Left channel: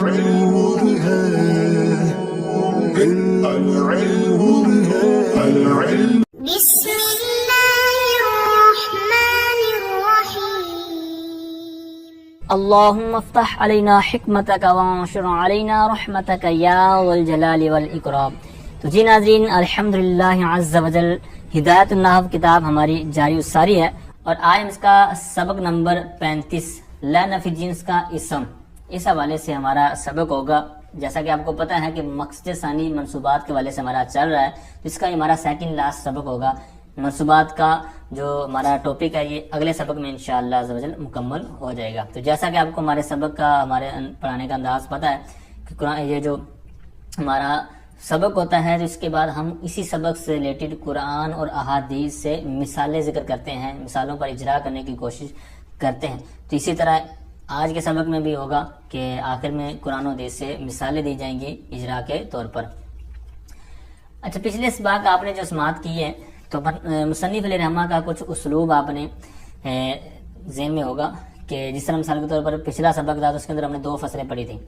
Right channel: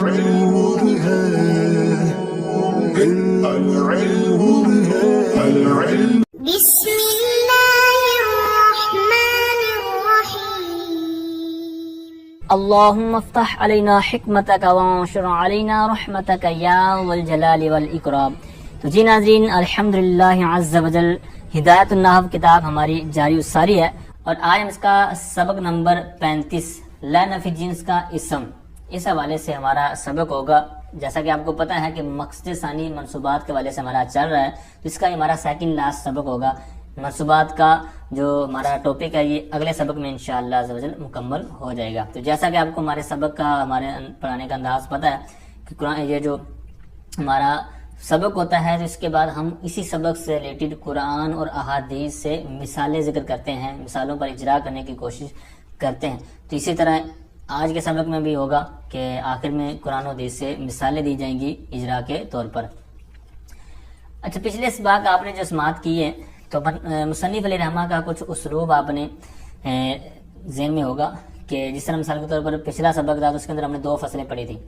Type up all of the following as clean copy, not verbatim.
بسم الله الرحمن الرحيم اللهم افتح علينا حکمتک وانشر علينا رحمتک یا والجلال والاکرام۔ تو جی ناظرین، الحمدللہ عز وجل ہدایت النحو کتاب ہماری جاری و ساری ہے، اور آج ہم اس کا سبق نمبر 35 لا نفی جنس کا اسم، اس حوالے سے ہمارا سبق ہوگا۔ جیسا کہ آپ کو پتہ ہے کہ مقصد ثانی منصوبات کے حوالے سے ہمارا چل رہا ہے، تو اس کا ہمارا سیکنڈ لاسٹ سبق ہوگا۔ منصوبات کا جو ہمارا ٹاپک ہے یہ اگلے سبق میں انشاءاللہ عز و جل مکمل ہو جائے گا۔ تو جیسا کہ آپ کو ہمارے سبق کا ہمارے پڑھانے کا انداز پتہ ہے کہ قرآن یہ جو ہمارا سبق ہوتا ہے، جس کے بعد ہم اسی سبق سے ریلیٹڈ قرآن اور احادیث سے مثالیں ذکر کرتے ہیں، مثالوں پر اجرا کرنے کی کوشش کرتے ہیں۔ تو اسی طرح آج کے سبق میں بھی ہوگا کہ آخر میں قرآن و حدیث سے مثالیں دی جائیں گی اجرا کے طور پر۔ اچھا، پچھلے سبق آپ نے جو سماعت کی ہے تو مصنف علیہ رحمہ کا کچھ اسلوب آپ نے ذہن میں ہوگا کہ جس طرح مثال کے طور پر پچھلا سبق تھا تو اس کے اندر ہم نے 2 فصلیں پڑھی تھیں،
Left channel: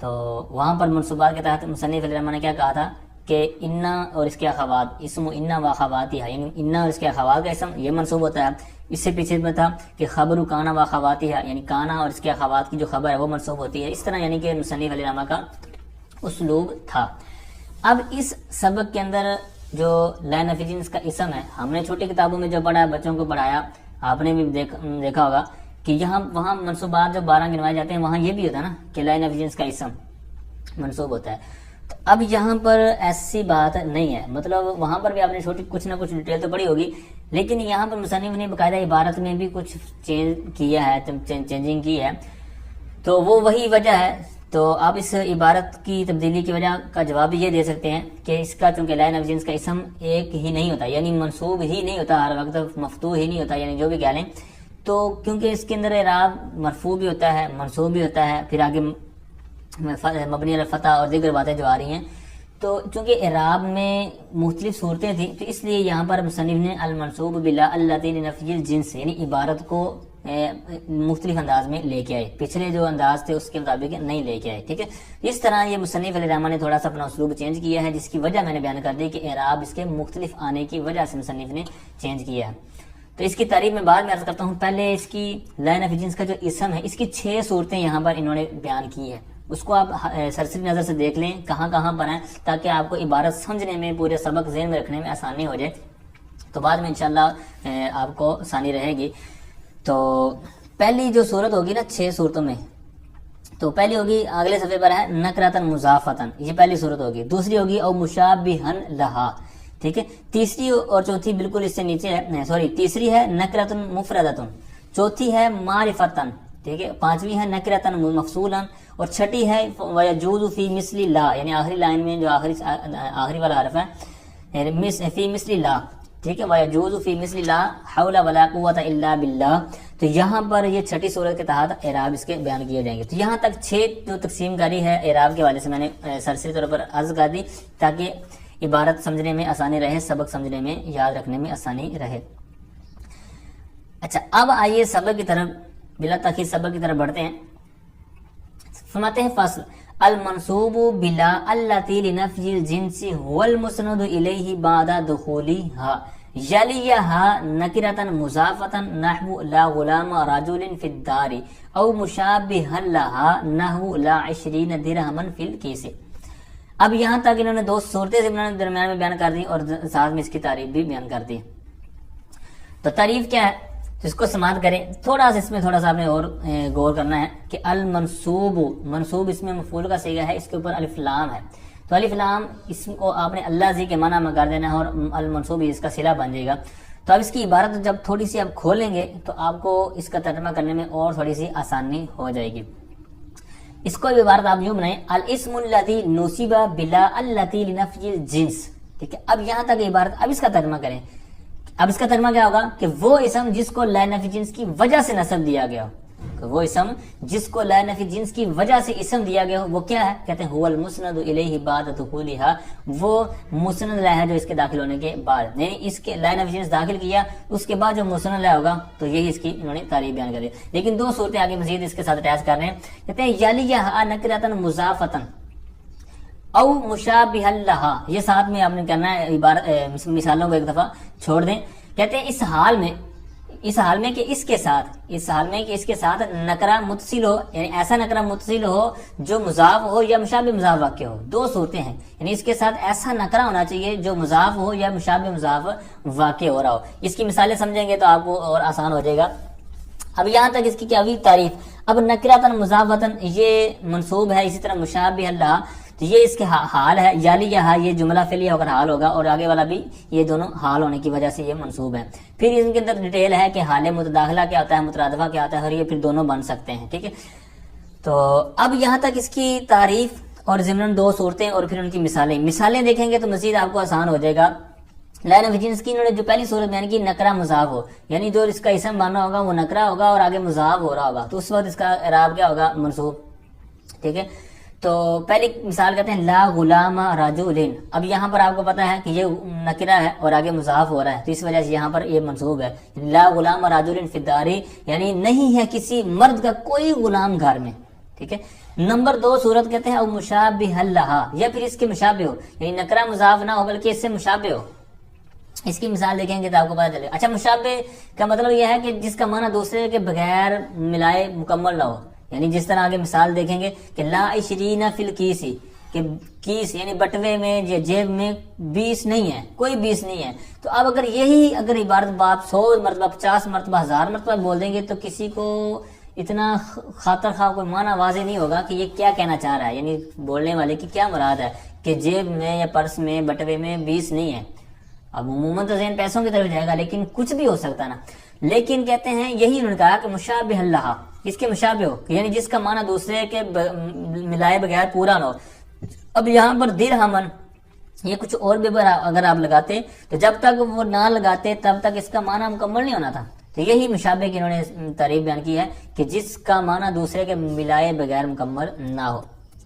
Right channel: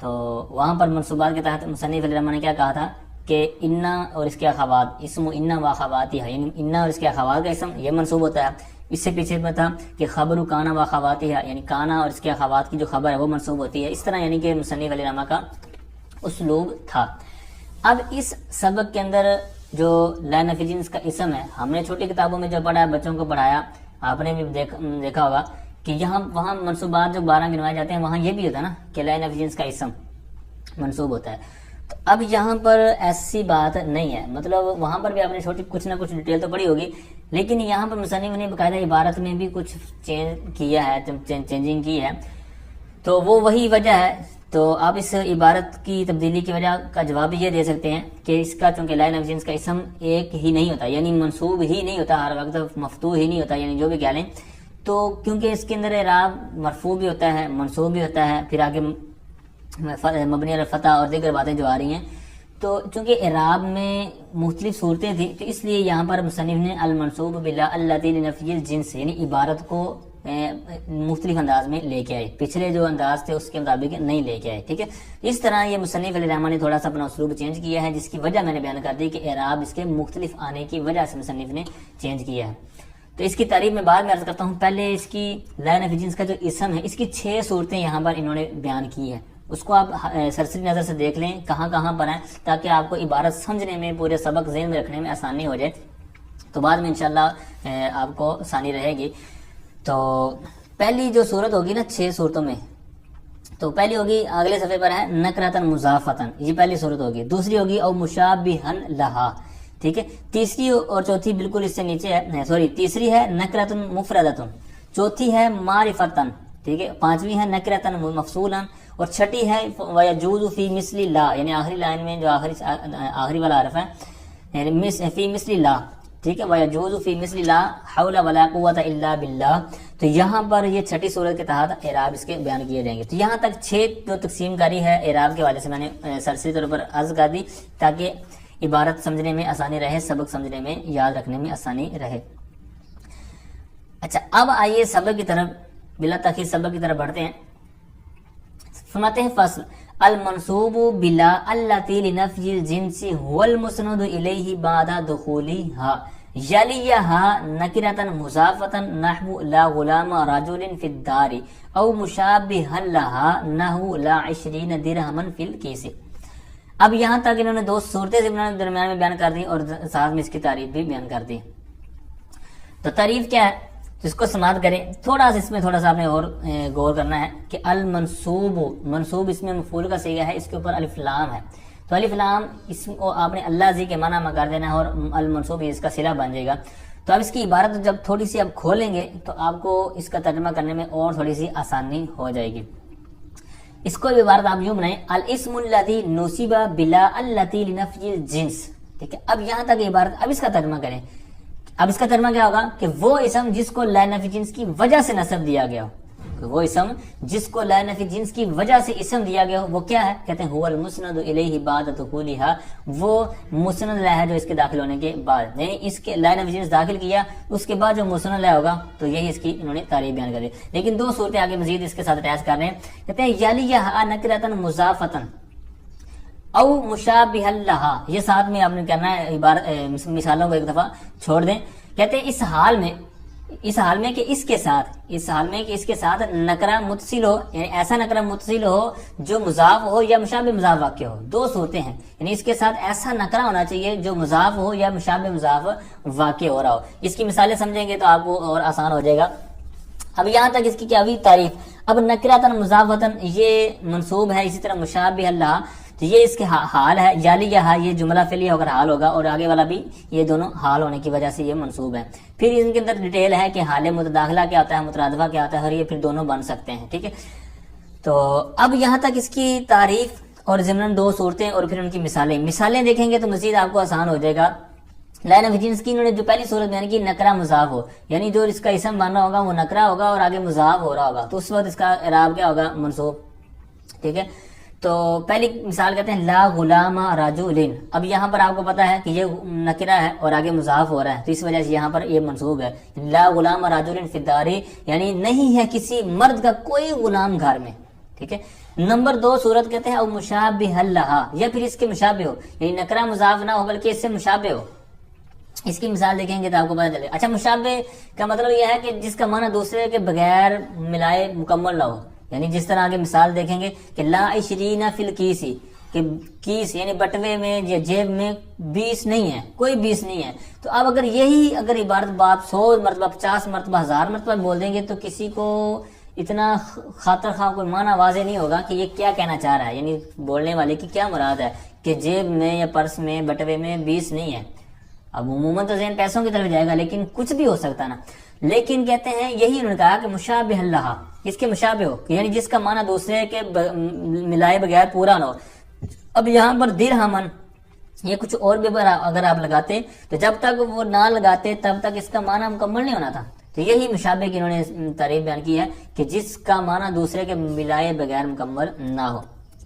تو وہاں پر منصوبات کے تحت مصنف علیہ رحمہ نے کیا کہا تھا کہ انا اور اس کے اخوات، اسم انا و اخواتها، یعنی انا اور اس کے اخوات کا اسم یہ منصوب ہوتا ہے۔ اس سے پیچھے میں تھا کہ خبر کانا و اخواتها، یعنی کانا اور اس کے اخوات کی جو خبر ہے وہ منصوب ہوتی ہے۔ اس طرح یعنی کہ مصنف علیہ رحمہ کا اسلوب تھا۔ اب اس سبق کے اندر جو لا نفی جنس کا اسم ہے، ہم نے چھوٹی کتابوں میں جو پڑھا بچوں کو پڑھایا، آپ نے بھی دیکھا ہوگا کہ یہاں وہاں منصوبات جو 12 گنوائے جاتے ہیں وہاں یہ بھی ہوتا ہے نا کہ لا نفی جنس کا اسم منصوب ہوتا ہے۔ تو اب یہاں پر ایسی بات نہیں ہے، مطلب وہاں پر بھی آپ نے چھوٹی کچھ نہ کچھ ڈیٹیل تو پڑھی ہوگی، لیکن یہاں پر مصنف نے باقاعدہ عبارت میں بھی کچھ چینجنگ کی ہے، تو وہ وہی وجہ ہے۔ تو آپ اس عبارت کی تبدیلی کی وجہ کا جواب بھی یہ دے سکتے ہیں کہ اس کا چونکہ لا نفی جنس کا اسم ایک ہی نہیں ہوتا، یعنی منصوب ہی نہیں ہوتا، ہر وقت مفتوح ہی نہیں ہوتا، یعنی جو بھی کہہ لیں، تو کیونکہ اس کے اندر اعراب مرفوع بھی ہوتا ہے، منصوب بھی ہوتا ہے، پھر آگے مبنی علی الفتح اور دیگر باتیں جو آ رہی ہیں، تو چونکہ اعراب میں مختلف صورتیں تھیں تو اس لیے یہاں پر مصنف نے المنصوب بلا اللتی لنفی الجنس یعنی عبارت کو مختلف انداز میں لے کے آئے، پچھلے جو انداز تھے اس کے مطابق نہیں لے کے آئے، ٹھیک ہے۔ اس طرح یہ مصنف علیہ رحمہ نے تھوڑا سا اپنا اسلوب چینج کیا ہے، جس کی وجہ میں نے بیان کر دی کہ اعراب اس کے مختلف آنے کی وجہ سے مصنف نے چینج کیا ہے۔ تو اس کی تعریف میں بعد میں عرض کرتا ہوں، پہلے اس کی لا نفی جنس کا جو اسم ہے اس کی 6 صورتیں یہاں پر انہوں نے بیان کی ہے، اس کو آپ سرسری نظر سے دیکھ لیں کہاں کہاں پر ہیں، تاکہ آپ کو عبارت سمجھنے میں پورے سبق ذہن میں رکھنے میں آسانی ہو جائے، تو بعد میں انشاءاللہ آپ کو آسانی رہے گی۔ تو پہلی جو صورت ہوگی نا 6 صورتوں میں، تو پہلی ہوگی اگلے صفحے پر ہے نکرتن مضافتن، یہ پہلی صورت ہوگی۔ دوسری ہوگی او مشابہن لہا، ٹھیک ہے۔ تیسری اور چوتھی بالکل اس سے نیچے ہے، تیسری ہے نکرتن مفردتن، چوتھی ہے معرفتن، ٹھیک ہے، پانچویں ہے نکرتن مفصولا، اور چھٹی ہے ویجوز فی مثل لا، یعنی آخری لائن میں جو آخری والا حرف ہے فی مثل لا، ٹھیک ہے، ویجوز فی مثل لا حول ولا قوت الا باللہ۔ تو یہاں پر یہ چھٹی صورت کے تحت اعراب اس کے بیان کیے جائیں گے۔ تو یہاں تک 6 جو تقسیم کاری ہے اعراب کے حوالے سے میں نے سرسری طور پر عرض کر دی، تاکہ عبارت سمجھنے میں آسانی رہے، سبق سمجھنے میں، یاد رکھنے میں آسانی رہے۔ اچھا، اب آئیے سبق کی طرف، بلا تاخیر سبق کی طرف بڑھتے ہیں۔ فرماتے ہیں فصل المنصوب بلا اللتی لنفی الجنس هو المسند الیہ بعد دخولها یلیہا نکرتن مضافتن نحو لا غلام رجل فی الدار او مشابہا لها نحو لا 20 درہما فی الکیس۔ اب یہاں تک انہوں نے 2 صورتیں درمیان میں بیان کر دی اور ساتھ میں اس کی تعریف بھی بیان کر دی۔ تو تعریف کیا ہے، جس کو سماعت کریں، تھوڑا سا اس میں تھوڑا سا آپ نے اور غور کرنا ہے کہ المنصوب، منصوب اس میں مفعول کا صیغہ ہے، اس کے اوپر الف لام ہے، تو الف لام اسم کو آپ نے اللہ سے کے معنی میں کر دینا ہے اور المنصوب اس کا صلہ بن جائے گا۔ تو اب اس کی عبارت جب تھوڑی سی آپ کھولیں گے تو آپ کو اس کا ترجمہ کرنے میں اور تھوڑی سی آسانی ہو جائے گی۔ اس کو عبارت آپ یوں بنائیں الاسم الذی نصب بلا اللتی لنفی الجنس، ٹھیک ہے۔ اب یہاں تک عبارت، اب اس کا ترجمہ کریں۔ اب اس کا ترجمہ کیا ہوگا کہ وہ اسم جس کو لا نفی جنس کی وجہ سے نسب دیا گیا ہو، وہ اسم جس کو لا نفی جنس کی وجہ سے اسم دیا گیا ہو وہ کیا ہے؟ کہتے ہیں هو المسند الیہ بعد دخولها، وہ مسند ہے جو اس کے داخل ہونے کے بعد، یعنی اس کے لا نفی جنس داخل کیا اس کے بعد جو مسند ہوگا تو یہی اس کی انہوں نے تعریف بیان کر دی۔ لیکن دو صورتیں آگے مزید اس کے ساتھ اٹیچ کر رہے ہیں، کہتے ہیں یلیہا نکرۃ مضافۃ او مشابہ لہا، یہ ساتھ میں آپ نے کرنا ہے، عبارت مثالوں کو ایک دفعہ چھوڑ دیں۔ کہتے ہیں اس حال میں کہ اس کے ساتھ نکرہ متصل ہو، یعنی ایسا نکرہ متصل ہو جو مضاف ہو یا مشابہ مضاف واقع ہو، دو صورتیں ہیں، یعنی اس کے ساتھ ایسا نکرہ ہونا چاہیے جو مضاف ہو یا مشابہ مضاف واقع ہو رہا ہو۔ اس کی مثالیں سمجھیں گے تو آپ کو اور آسان ہو جائے گا۔ اب یہاں تک اس کی کیا ہوئی تعریف۔ اب نکرۃ مضافۃ یہ منصوب ہے، اسی طرح مشابہ لہا تو یہ اس کے حال ہے، یلیہا یہ جملہ فعلیہ ہو کر حال ہوگا، اور آگے والا بھی یہ دونوں حال ہونے کی وجہ سے یہ منصوب ہے۔ پھر ان کے اندر ڈیٹیل ہے کہ حال متداخلہ کیا ہوتا ہے، مترادفہ کیا ہوتا ہے، اور یہ پھر دونوں بن سکتے ہیں، ٹھیک ہے۔ تو اب یہاں تک اس کی تعریف اور ضمن دو صورتیں اور پھر ان کی مثالیں دیکھیں گے تو مزید آپ کو آسان ہو جائے گا۔ لا نفی جنس کی انہوں نے جو پہلی صورت بیان کی نکرہ مضاف ہو، یعنی جو اس کا اسم بننا ہوگا وہ نکرہ ہوگا اور آگے مضاف ہو رہا ہوگا، تو اس وقت اس کا اعراب کیا ہوگا؟ منصوب، ٹھیک ہے۔ تو پہلی مثال کہتے ہیں لا غلام رجل، اب یہاں پر آپ کو پتا ہے کہ یہ نکرہ ہے اور آگے مضاف ہو رہا ہے تو اس وجہ سے یہاں پر یہ منصوب ہے۔ لا غلام رجل فی الدار، یعنی نہیں ہے کسی مرد کا کوئی غلام گھر میں، ٹھیک ہے۔ نمبر دو صورت کہتے ہیں او مشابہ لہا، یا پھر اس کے مشابہ ہو، یعنی نکرہ مضاف نہ ہو بلکہ اس سے مشابہ ہو۔ اس کی مثال دیکھیں گے تو آپ کو پتا چلے۔ اچھا، مشابہ کا مطلب یہ ہے کہ جس کا معنی دوسرے کے بغیر ملائے مکمل نہ ہو، یعنی جس طرح آگے مثال دیکھیں گے کہ لا 20 فی الکیس، کہ کیس یعنی بٹوے میں یا جیب میں 20 نہیں ہے، کوئی 20 نہیں ہے۔ تو اب اگر عبارت باپ 100 مرتبہ 50 مرتبہ 1000 مرتبہ بول دیں گے تو کسی کو اتنا خاطر خواہ کوئی معنی واضح نہیں ہوگا کہ یہ کیا کہنا چاہ رہا ہے، یعنی بولنے والے کی کیا مراد ہے کہ جیب میں یا پرس میں بٹوے میں 20 نہیں ہے۔ اب عموماً تو ذہن پیسوں کی طرف جائے گا، لیکن کچھ بھی ہو سکتا ہے نا۔ لیکن کہتے ہیں یہی انہوں نے کہا کہ مشابہ لہا، اس کے مشابہ ہو، یعنی جس کا معنی دوسرے کے ملائے بغیر پورا نہ ہو۔ اب یہاں پر درہمن یہ کچھ اور بھی اگر آپ لگاتے تو جب تک وہ نہ لگاتے تب تک اس کا معنی مکمل نہیں ہونا تھا۔ تو یہی مشابہ کی انہوں نے تعریف بیان کی ہے کہ جس کا معنی دوسرے کے ملائے بغیر مکمل نہ ہو۔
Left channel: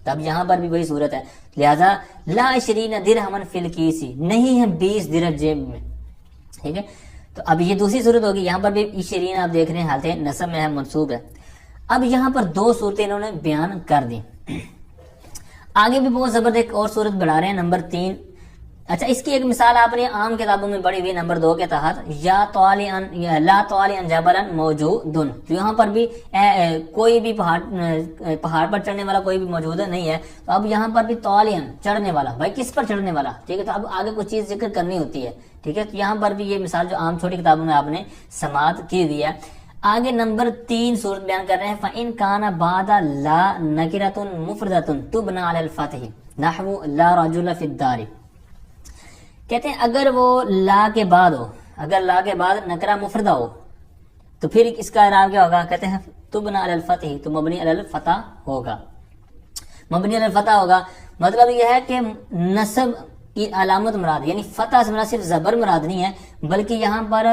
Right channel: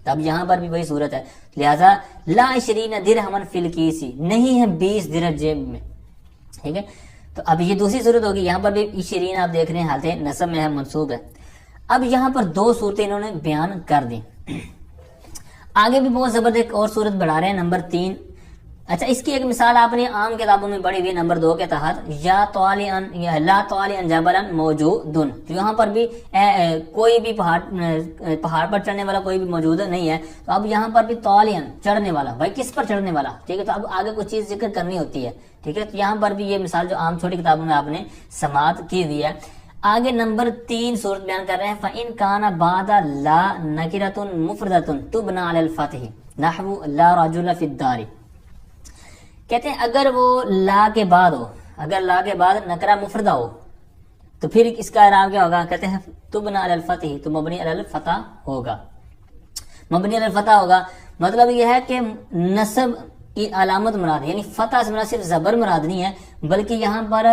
اب یہاں پر بھی وہی صورت ہے، لہذا لا 20 درہمن فی الکیس، نہیں ہے 20 درہم جیب میں، ٹھیک ہے۔ تو اب یہ دوسری صورت ہوگی، یہاں پر بھی 20 آپ دیکھ رہے ہیں حالت نصب میں ہے، منصوب ہے۔ اب یہاں پر دو صورتیں انہوں نے بیان کر دی، آگے بھی بہت زبردست ایک اور صورت بڑھا رہے ہیں، نمبر 3۔ اچھا، اس کی ایک مثال آپ نے عام کتابوں میں پڑھی ہوئی، نمبر 2 کے تحت یا لا طالعن جبلا موجودن، تو یہاں پر بھی کوئی بھی پہاڑ پر چڑھنے والا کوئی بھی موجود نہیں ہے۔ تو اب یہاں پر بھی طالعن چڑھنے والا، بھائی کس پر چڑھنے والا، ٹھیک ہے۔ تو اب آگے کوئی چیز ذکر کرنی ہوتی ہے، ٹھیک ہے۔ تو یہاں پر بھی یہ مثال جو عام چھوٹی کتابوں میں آپ نے سماعت کی ہوئی ہے۔ آگے نمبر 3 صورت بیان کر رہے ہیں، فَإِن كَانَ بَعْدَ لَا نَكِرَةٌ مُفْرَدَةٌ تُبْنَى عَلَى الْفَتْحِ نَحْوُ لَا رَجُلَ فِي الدَّارِ، کہتے ہیں اگر وہ لا کے بعد ہو، اگر لا کے بعد نکرہ مفردہ ہو تو پھر اس کا اعراب کیا ہوگا؟ کہتے ہیں تبنى علی الفتح، تو مبنی علی الفتح ہوگا، مبنی علی الفتح ہوگا۔ مطلب یہ ہے کہ نصب کی علامت مراد، یعنی فتح سے مراد صرف زبر مراد نہیں ہے بلکہ یہاں پر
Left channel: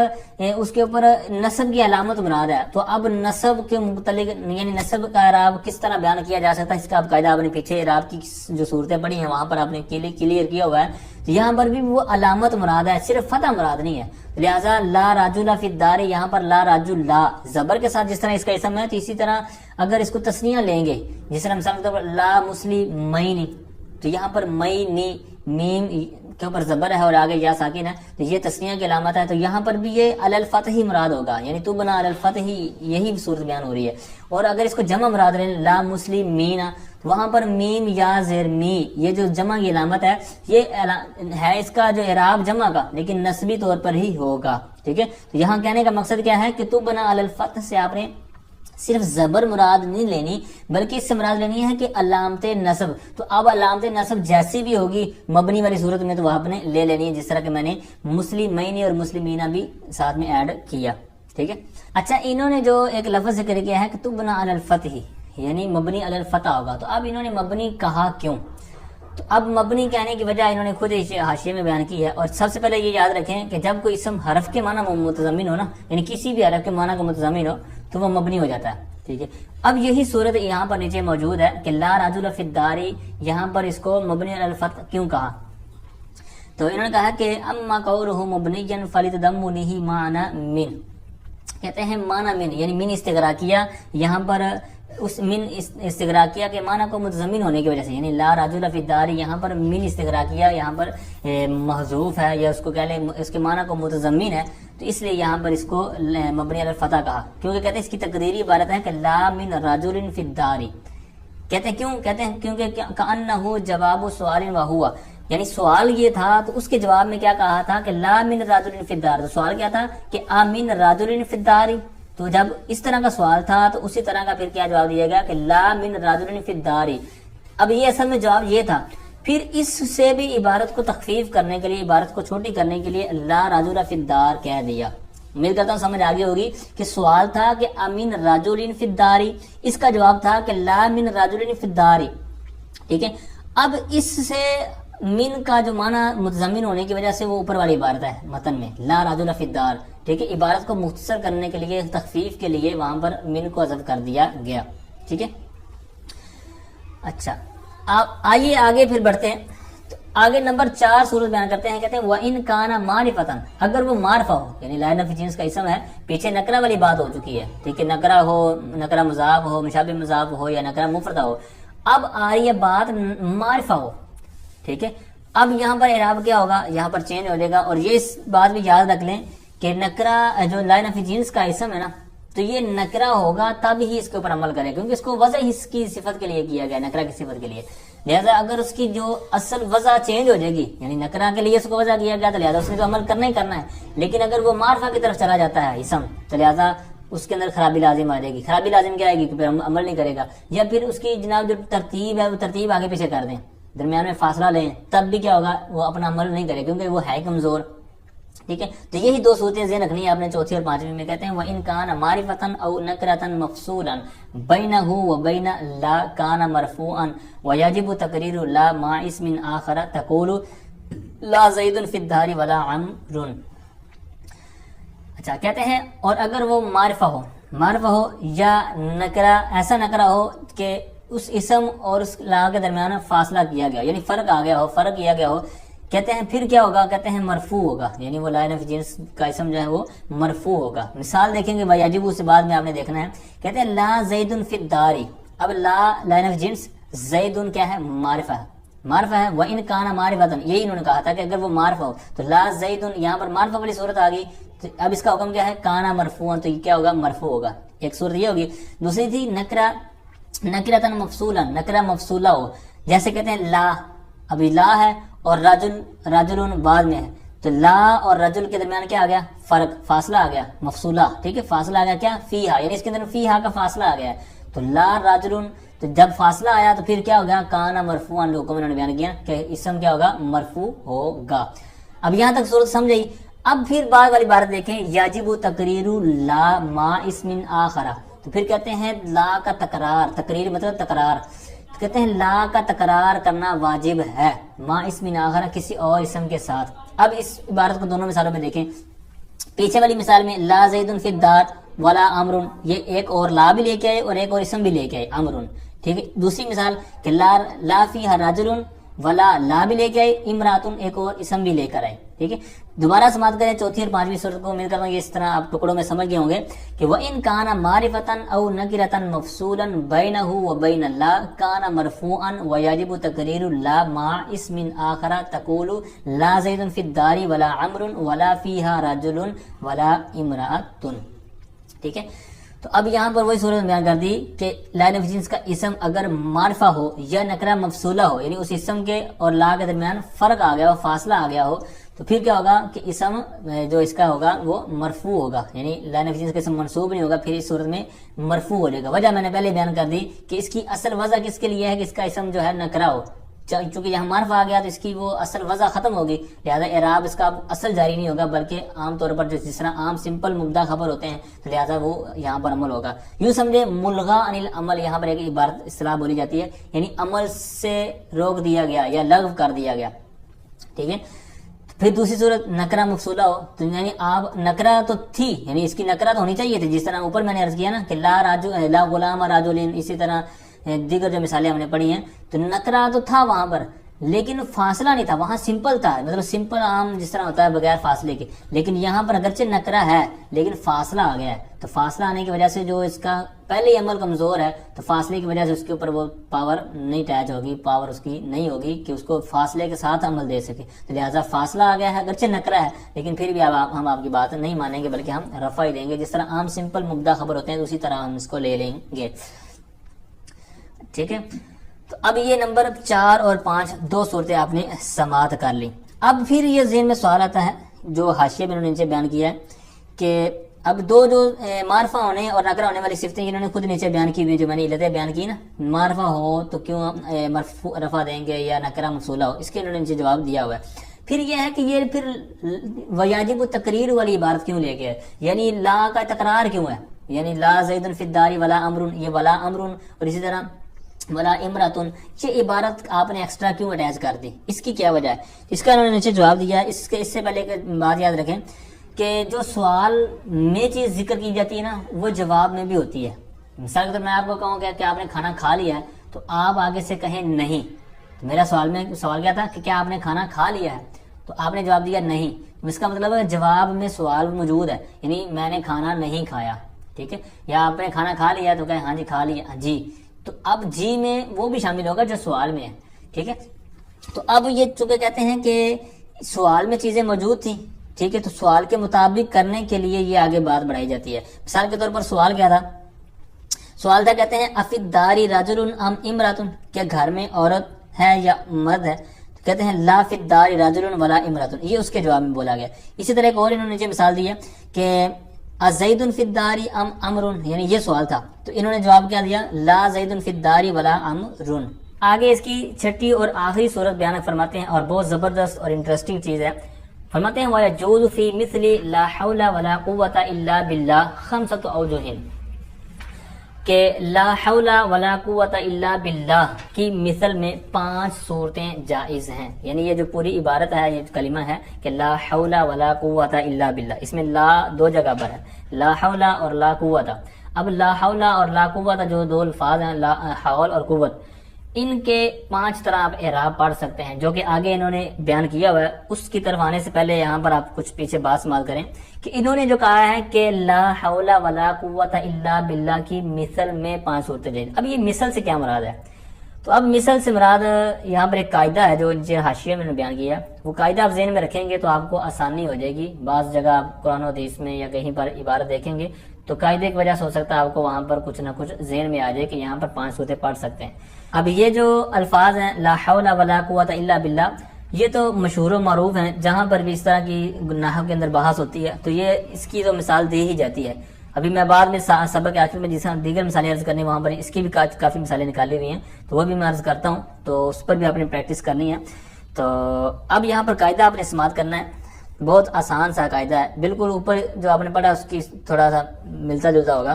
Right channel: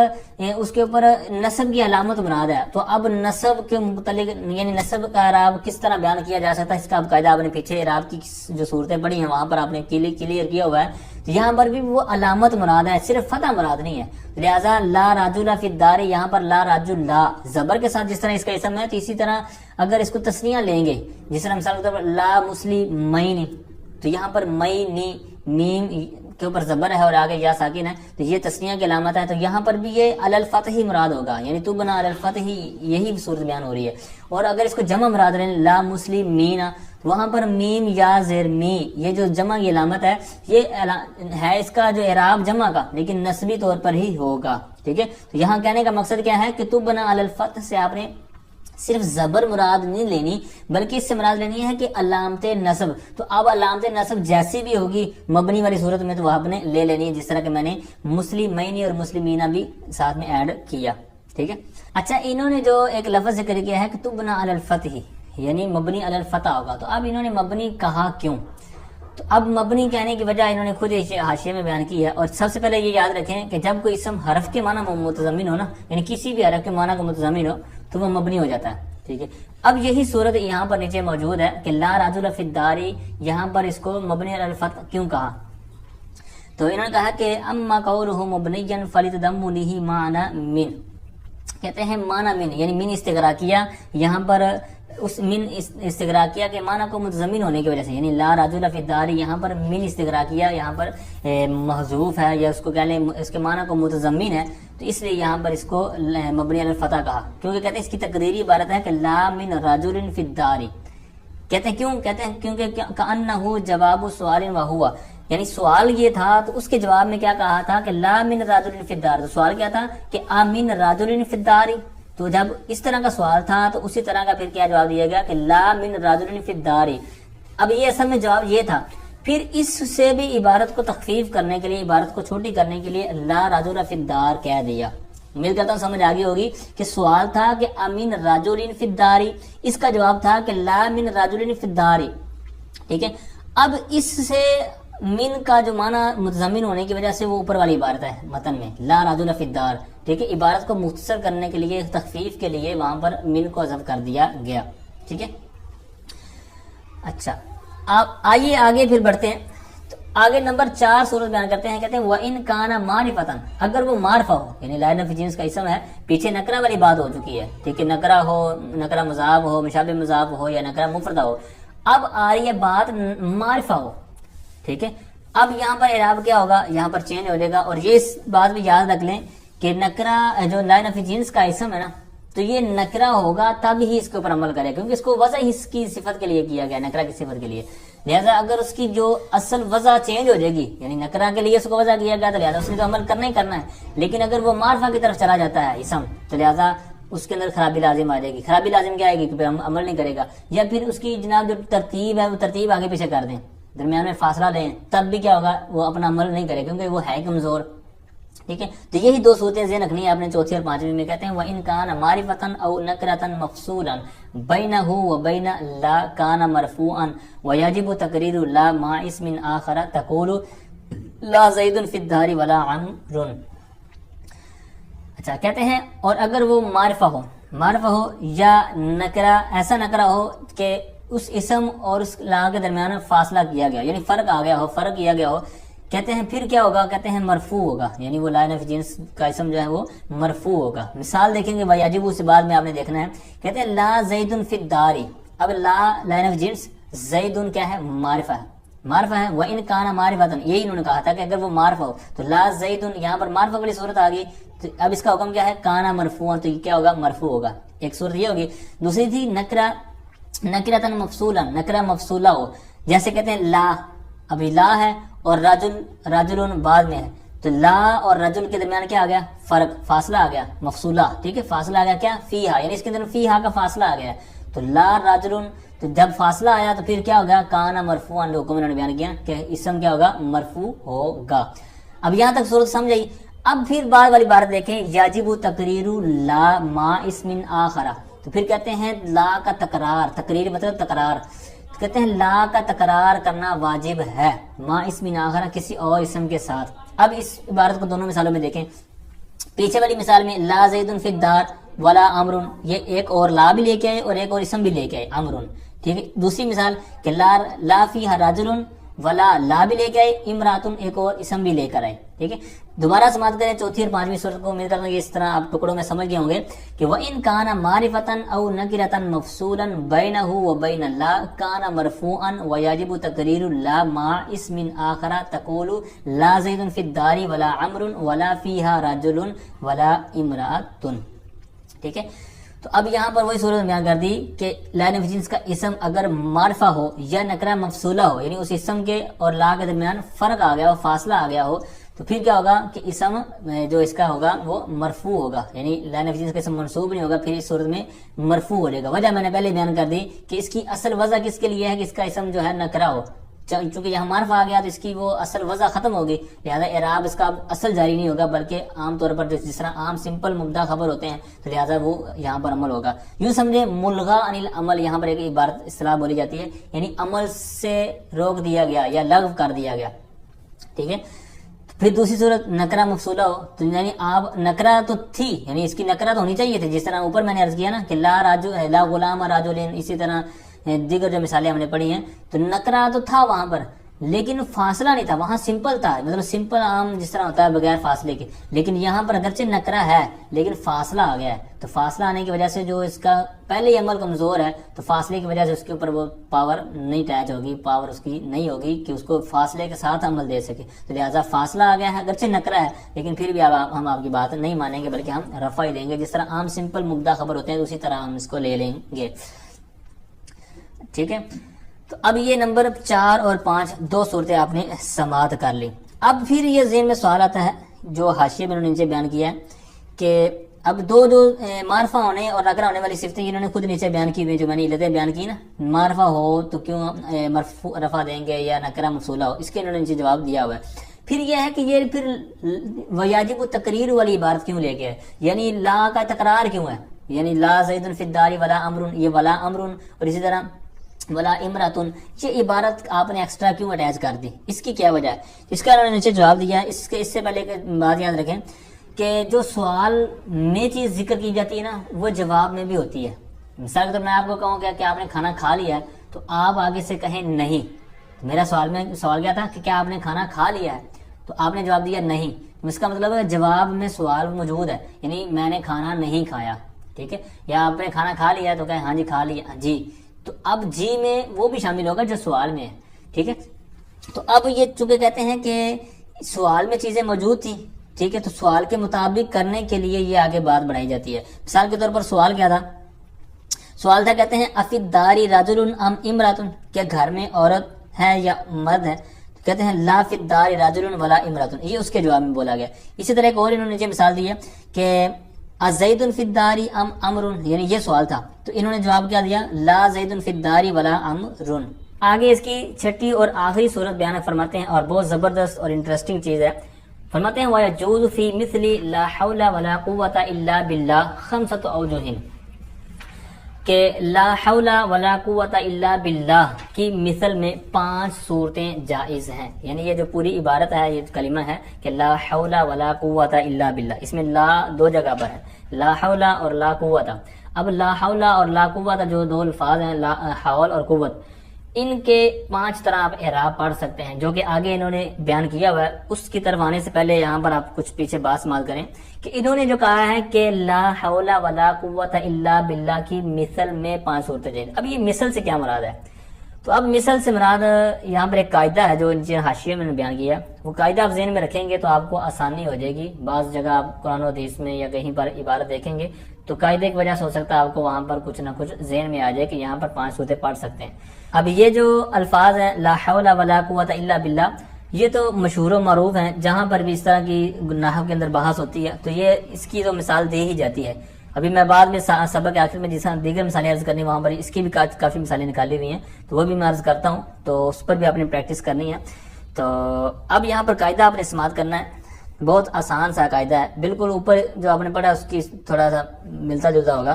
اس کے اوپر نصب کی علامت مراد ہے۔ تو اب نصب کے متعلق یعنی نصب کا اعراب کس طرح بیان کیا جا سکتا ہے، اس کا اب قاعدہ آپ نے پیچھے اعراب کی جو صورتیں پڑھی ہیں وہاں پر آپ نے کلیئر کیا ہوا ہے۔ تو یہاں پر بھی وہ علامت مراد ہے، صرف فتح مراد نہیں ہے، لہذا لا رجل فی الدار، یہاں پر لا رجل لا زبر کے ساتھ جس طرح اس کا اسم ہے، تو اسی طرح اگر اس کو تسنیہ لیں گے، جس طرح مثال کے طور پر لا مسلمین، تو یہاں پر مئی میم کے اوپر زبر ہے اور آگے یا ساکن ہے، تو یہ تسنیہ کی علامت ہے۔ تو یہاں پر بھی یہ علی الفتح ہی مراد ہوگا، یعنی تو بنا علی الفتح ہی، یہی صورت بیان ہو رہی ہے۔ اور اگر اس کو جمع مراد رہے لا مسلمین، وہاں پر میم یا زیر می، یہ جو جمع کی علامت ہے یہ ہے اس کا جو اعراب جمع کا، لیکن نسبی طور پر ہی ہوگا، ٹھیک ہے۔ تو یہاں کہنے کا مقصد کیا ہے کہ تو بنا علی الفتح سے آپ نے صرف زبر مراد نہیں لینی بلکہ اس سے مراد لینی ہے کہ علامت نصب۔ تو اب علامت نصب جیسی بھی ہوگی مبنی والی صورت میں تو وہ آپ نے لے لینی ہے، جس طرح کہ میں نے مسلمین اور مسلمینہ بھی ساتھ میں ایڈ کیا، ٹھیک ہے۔ اچھا، انہوں نے جو ایک لفظ ذکر کیا ہے کہ تو بنا علی الفتح، یعنی مبنی علی الفتح ہوگا، تو اب انہوں نے مبنی کہا کیوں؟ تو اب مبنی کہنے کی وجہ انہوں نے خود حاشیے میں بیان کی ہے۔ اور سب سے پہلے یہ یاد رکھیں کہ جب کوئی اسم حرف کے معنی متضمن ہو نا، یعنی کسی بھی حرف کے معنی کو متضمن ہو تو وہ مبنی ہو جاتا ہے، ٹھیک ہے. اب یہی صورت یہاں پر نیچے موجود ہے کہ لا رجل فی الدار، یہاں پر اس کو مبنی علی الفتح کیوں کہا؟ تو انہوں نے کہا کہ اما قولہ مبنیا فلتضمنہ معنی من، کہتے ہیں معنی من یعنی من استغراقیہ، یہاں پر اس من استغراقیہ کے معنی کو متضمن ہونے کی وجہ سے، یعنی لا رجل فی الدار یہاں پر من استغراقیہ یہاں پر محذوف ہے، یا اس کو کہہ لیں اس کے معنی کو متضمن ہے، تو اس لیے یہاں پر اس کو مبنی علی الفتح کہا، کیونکہ کہتے ہیں اس کی تقریری عبارت ہے کہ لا من رجل فی الدار. کہتے ہیں کیوں؟ کہتے ہیں کیونکہ کأنہ جواب سوال وہوا، یعنی سوال یہ تھا تو اس کے جواب میں کیا کہا تھا کہ لا من رجل فی الدار، تو سوال کیا تھا کہ آمن رجل فی الدار، تو جب اس طرح کا سوال تھا تو اسی طرح کا پھر کیا جواب دیا گیا کہ لا من رجل فی الدار. اب یہ اصل میں جواب یہ تھا. پھر اس سے بھی عبارت کو تخفیف کرنے کے لیے، عبارت کو چھوٹی کرنے کے لیے لا رجل فی الدار کہہ دیا. امید کرتا ہوں سمجھ آگے ہوگی کہ سوال تھا کہ امین رجل فی الدار، اس کا جواب تھا کہ لا من رجل فی الدار. ٹھیک ہے. اب اس سے من کا جو معنی متضمن ہونے کی وجہ سے وہ اوپر والی عبارت ہے متن میں لا رجل فی الدار. ٹھیک ہے. عبارت کو مختصر کرنے کے لیے، تخفیف کے لیے وہاں پر من کو حذف کر دیا گیا. ٹھیک ہے. اچھا آئیے آگے پھر بڑھتے ہیں. تو آگے نمبر 4 صورت بیان کرتے ہیں. کہتے ہیں وَإِن كَانَ مَعْرِفَةً، اگر وہ معرفہ ہو، یعنی لا نفی جنس کا اسم ہے، پیچھے نکرہ والی بات ہو چکی ہے. ٹھیک ہے. نکرہ ہو، نکرہ مضاف ہو، مشابہ مضاف ہو، یا نکرہ مفردہ ہو. اب آ رہی ہے بات معرفہ ہو. ٹھیک ہے. اب یہاں پر اعراب کیا ہوگا؟ یہاں پر چینج ہو جائے گا. اور یہ بات بھی یاد رکھ لیں کہ نکرہ جو لا نفی جنس کا اسم ہے نا، تو یہ نکرہ ہوگا تب ہی اس کے اوپر عمل کرے، کیونکہ اس کو وضع اس کی صفت کے لیے کیا گیا، نکرہ کی صفت کے لیے. لہذا اگر اس کی جو اصل وضع چینج ہو جائے گی، یعنی نکرہ کے لیے اس کو وضع کیا گیا، تو لہذا اس نے تو عمل کرنا ہی کرنا ہے. لیکن اگر وہ معرفہ کی طرف چلا جاتا ہے اسم، تو لہذا اس کے اندر خرابی لازم آ جائے گی. خرابی لازم کیا آئے گی؟ کہ عمل نہیں کرے گا. یا پھر اس کی جناب جو ترتیب ہے وہ ترتیب آگے پیچھے کر دیں، درمیان میں فاصلہ لیں، تب بھی کیا ہوگا؟ وہ اپنا عمل نہیں کرے، کیونکہ وہ ہے کمزور. ٹھیک ہے. تو یہی 2 صورتیں ذہن رکھنی ہے آپ نے. چوتھی اور 5ویں میں کہتے ہیں وَإِن كَانَ مَعْرِفَةً أَوْ نَكْرَةً مَفْصُولًا بَيْنَهُ وَبَيْنَ لَا كَانَ مَرْفُوعًا وَيَجِبُ تَقْرِيرُ لَا مَعَ اسْمٍ آخَرَ تَقُولُ لَا زَيْدٌ فِي الدَّارِ وَلَا عَمْرٌ. اچھا کہتے ہیں اور اگر وہ معرفہ ہو یا نکرہ، ایسا نکرہ ہو کہ اس اسم اور اس لا کے درمیان فاصلہ کیا گیا، یعنی فرق آ گیا ہو، فرق کیا گیا ہو، کہتے ہیں پھر کیا ہوگا؟ کہتے ہیں مرفوع ہوگا، یعنی وہ لا نفی جنس کا اسم جو ہے وہ مرفوع ہوگا. مثال دیکھیں گے وَيَجِبُ سے بعد میں آپ نے دیکھنا ہے. کہتے ہیں لا زید فی الدار. اب لا نفی جنس، زید کیا ہے؟ معرفہ ہے، معرفہ ہے. وَإِن كَانَ مَعْرِفَةً، یہی انہوں نے کہا تھا کہ اگر وہ معرفہ ہو تو لا زید، یہاں پر معرفہ والی صورت آ گئی. تو اب اس کا حکم کیا ہے؟ کانا مرفوعا، تو یہ کیا ہوگا؟ مرفوع ہوگا. ایک صورت یہ ہوگی. دوسری تھی نکرتن مفصولا، نکرہ مفصولہ ہو، جیسے کہتے ہیں لا، ابھی لا ہے اور رجل بعد میں ہے، تو لا اور رجل کے درمیان کیا آ گیا؟ فرق، فاصلہ آ گیا، مفصولہ. ٹھیک ہے. فاصلہ آ گیا کیا؟ فیہا، یعنی اس کے اندر فیہا کا فاصلہ آ گیا ہے. تو لا رجل، تو جب فاصلہ آیا تو پھر کیا ہو گیا؟ کانا مرفوعا، لوگوں میں بیان کیا کہ اسم کیا ہوگا؟ مرفوع ہوگا. اب یہاں تک صورت سمجھ آئی. اب پھر بعد والی بات دیکھیں یاجب تقریر لا ما اسم آخر. تو پھر کہتے ہیں لا کا تکرار، تقریر مطلب تکرار، کہتے ہیں لا کا تکرار کرنا واجب ہے ما اسم آخر، کسی اور اسم کے ساتھ. اب اس عبارت کو دونوں مثالوں میں دیکھیں. پیچھے والی مثال میں لا زید فی الدار ولا امر، یہ ایک اور لا بھی لے کے آئے اور ایک اور اسم بھی لے کے آئے امر. ٹھیک ہے. دوسری مثال کہ لا فیہا رجل ولا لا بھی لے کے آئے، امراتن ایک اور اسم بھی لے کر آئے. ٹھیک ہے. دوبارہ سماعت کریں چوتھی اور 5ویں صورت کو. امید کرتا ہوں کہ اس طرح آپ ٹکڑوں میں سمجھ گئے ہوں گے کہ وَإِن كَانَ مَعْرِفَةً أَوْ نَكِرَةً مَفْصُولًا بَيْنَهُ وَبَيْنَ لَا كَانَ مَرْفُوعًا وَيَجِبُ تَقْرِيرُ لَا مَعَ اسْمٍ آخَرَ تَقُولُ لَا زَيْدٌ فِي الدَّارِ وَلَا عَمْرٌ وَلَا فِيهَا رَجُلٌ وَلَا امْرَأَةٌ. ٹھیک ہے. تو اب یہاں پر وہی صورت بیان کر دی کہ لا نفی جنس کا اسم اگر معرفہ ہو یا نکرہ مفصولہ ہو، یعنی اس اسم کے اور لا کے درمیان فرق آ گیا ہو، فاصلہ آ گیا ہو، تو پھر کیا ہوگا کہ اسم جو اس کا ہوگا وہ مرفوع ہوگا، یعنی لا نفی جنس کا اسم منصوب نہیں ہوگا، پھر اس صورت میں مرفوع ہو جائے گا. وجہ میں نے پہلے بیان کر دی کہ اس کی اصل وضع کس کے لیے ہے کہ اس کا اسم جو ہے نکرہ ہو. چونکہ یہاں معرفہ آ گیا تو اس کی وہ اصل وضع ختم ہوگی، لہذا اعراب اس کا اصل جاری نہیں ہوگا، بلکہ عام طور پر جس طرح عام سمپل مبدا خبر ہوتے ہیں تو لہذا وہ یہاں پر عمل ہوگا. یوں سمجھے ملغا عن العمل، یہاں پر ایک عبارت اصطلاح بولی جاتی ہے، یعنی عمل سے روک دیا گیا یا لغو کر دیا گیا. ٹھیک ہے. پھر دوسری صورت نکرہ مفصولہ ہو تو یعنی آپ نکرہ تو تھی، یعنی اس کی نکرہ تو ہونی چاہیے تھی، جس طرح اوپر میں نے عرض کیا نا کہ لا غلام راجلین، اسی طرح دیگر جو مثالیں ہم نے پڑھی ہیں، تو نکرہ تو تھا وہاں پر لیکن فاصلہ نہیں تھا، وہاں سمپل تھا، مطلب سمپل عام جس طرح ہوتا ہے بغیر فاصلے کے، لیکن یہاں پر اگرچہ نکرہ ہے لیکن فاصلہ آ گیا ہے، تو فاصلہ آنے کی وجہ سے جو اس کا پہلے ہی عمل کمزور ہے تو فاصلے کی وجہ سے اس کے اوپر وہ پاور نہیں اٹیچ ہوگی، پاور اس کی نہیں ہوگی کہ اس کو فاصلے کے ساتھ عمل دے سکے، تو لہٰذا فاصلہ آ گیا ہے، اگرچہ نکرہ ہے لیکن پھر بھی ہم آپ کی بات نہیں مانیں گے بلکہ ہم رفع ہی دیں گے، جس طرح عام سمپل مبدا خبر ہوتے ہیں اسی طرح ہم اس کو لے لیں گے، ٹھیک ہے۔ تو اب یہ نمبر 4 اور 5 دو صورتیں آپ نے سماعت کر لی۔ اب پھر یہ ذہن میں سوال آتا ہے جو حاشیے میں انہوں نے نیچے بیان کیا ہے کہ اب دو جو معرفہ ہونے اور نکرہ ہونے والی صفتیں انہوں نے خود نیچے بیان کی ہوئی، جو میں نے علتیں بیان کی نا، معرفہ ہو تو کیوں مرفوع رفع دیں گے یا نکرہ موصولہ ہو، اس کے انہوں نے نیچے جواب دیا ہوا ہے۔ پھر یہ ہے کہ یہ پھر ویاجب تقریر والی عبارت کیوں لے کے ہے، یعنی لا کا تکرار کیوں ہے، یعنی لا زید فی الدار ولا امر، یہ ولا امر اور اسی طرح ولا امراتن، یہ عبارت آپ نے ایکسٹرا کیوں اٹیچ کر دی، اس کی کیا وجہ ہے؟ اس کا انہوں نے نیچے جواب دیا ہے۔ اس سے پہلے بات یاد رکھیں کہ جو سوال میں چیز ذکر کی جاتی ہے نا وہ جواب میں بھی ہوتی ہے۔ مثال کے طور میں آپ کو کہوں کہ آپ نے کھانا کھا لیا ہے تو آپ آگے سے کہیں نہیں، تو میرا سوال کیا تھا کہ کیا آپ نے کھانا کھا لیا ہے، تو آپ نے جواب دیا نہیں، تو اس کا مطلب ہے جواب میں سوال موجود ہے، یعنی میں نے کھانا نہیں کھایا، ٹھیک ہے، یا آپ نے کھانا کھا لیا ہے تو کہیں ہاں جی کھا لیا جی، تو اب جی میں وہ بھی شامل ہوگا جو سوال میں ہے، ٹھیک ہے۔ تو اب یہ چونکہ کہتے ہیں کہ سوال میں چیزیں موجود تھیں، ٹھیک ہے، تو سوال کے مطابق کرنے کے لیے یہ آگے بات بڑھائی جاتی ہے۔ مثال کے طور پر سوال کیا تھا؟ سوال تھا کہتے ہیں افید داری رجل ام امراتن، کیا گھر میں عورت ہے یا مرد ہے، تو کہتے ہیں لا فی الدار رجل ولا امراتن، یہ اس کے جواب میں بولا گیا۔ اسی طرح ایک اور انہوں نے جو مثال دی ہے کہ زید فی الدار ام امر، یعنی یہ سوال تھا تو انہوں نے جواب کیا دیا لا زید فی الدار ولا امر۔ آگے اس کی چھٹی اور آخری صورت بیان فرماتے ہیں اور بہت زبردست اور انٹرسٹنگ چیز ہے، فرماتے ہیں وَيَجُوزُ فِي مِثْلِ لَا حَوْلَ وَلَا قُوَّةَ إِلَّا بِاللَّهِ خَمْسَةُ أَوْجُهٍ، کہ لا حول ولا قوت الا باللہ کی مثل میں 5 صورتیں جائز ہیں، یعنی یہ جو پوری عبارت ہے، یہ کلمہ ہے کہ لا حول ولا قوت الا باللہ، اس میں لا 2 جگہ پر ہے، لا حول اور لا قوت۔ اب لا حول اور لا قوت جو 2 الفاظ ہیں، لا حول اور قوت، ان کے 5 طرح آپ اعراب پڑھ سکتے ہیں جو کہ آگے انہوں نے بیان کیا ہوا ہے۔ اس کی طرف آنے سے پہلے یہاں پر آپ کچھ پیچھے بات سماعت کریں کہ انہوں نے جو کہا ہے کہ لا حول ولا قوت الا باللہ کی مثل میں 5 صورتیں جائز۔ اب یہ مثل سے کیا مراد ہے؟ تو اب مثل سے مراد یہاں پر ایک قاعدہ ہے جو نیچے حاشیے میں نے بیان کیا ہے، وہ قاعدہ آپ ذہن میں رکھیں گے تو آپ کو آسانی ہو جائے گی۔ بعض جگہ آپ قرآن و حدیث میں یا کہیں پر عبارت دیکھیں گے تو قاعدے کی وجہ سے ہو سکتا ہے آپ کو وہاں پر کچھ نہ کچھ ذہن میں آ جائے کہ یہاں پر 5 صورتیں پڑھ سکتے ہیں۔ اب یہ جو الفاظ ہیں لا حول ولا قوت الا باللہ، یہ تو مشہور و معروف ہیں، جہاں پر بھی اس طرح کی نحو کے اندر بحث ہوتی ہے تو یہ اس کی تو مثال دے ہی جاتی ہے۔ ابھی میں بعد میں سبق کے آخر میں جس طرح دیگر مثالیں عرض کرنی وہاں پر اس کی بھی کافی مثالیں نکالی ہوئی ہیں تو وہ بھی میں عرض کرتا ہوں، تو اس پر بھی آپ نے پریکٹس کرنی ہے۔ تو اب یہاں پر قاعدہ آپ نے سماعت کرنا ہے، بہت آسان سا قاعدہ ہے، بالکل اوپر جو آپ نے پڑھا اس کی تھوڑا سا ملتا جلتا ہوگا۔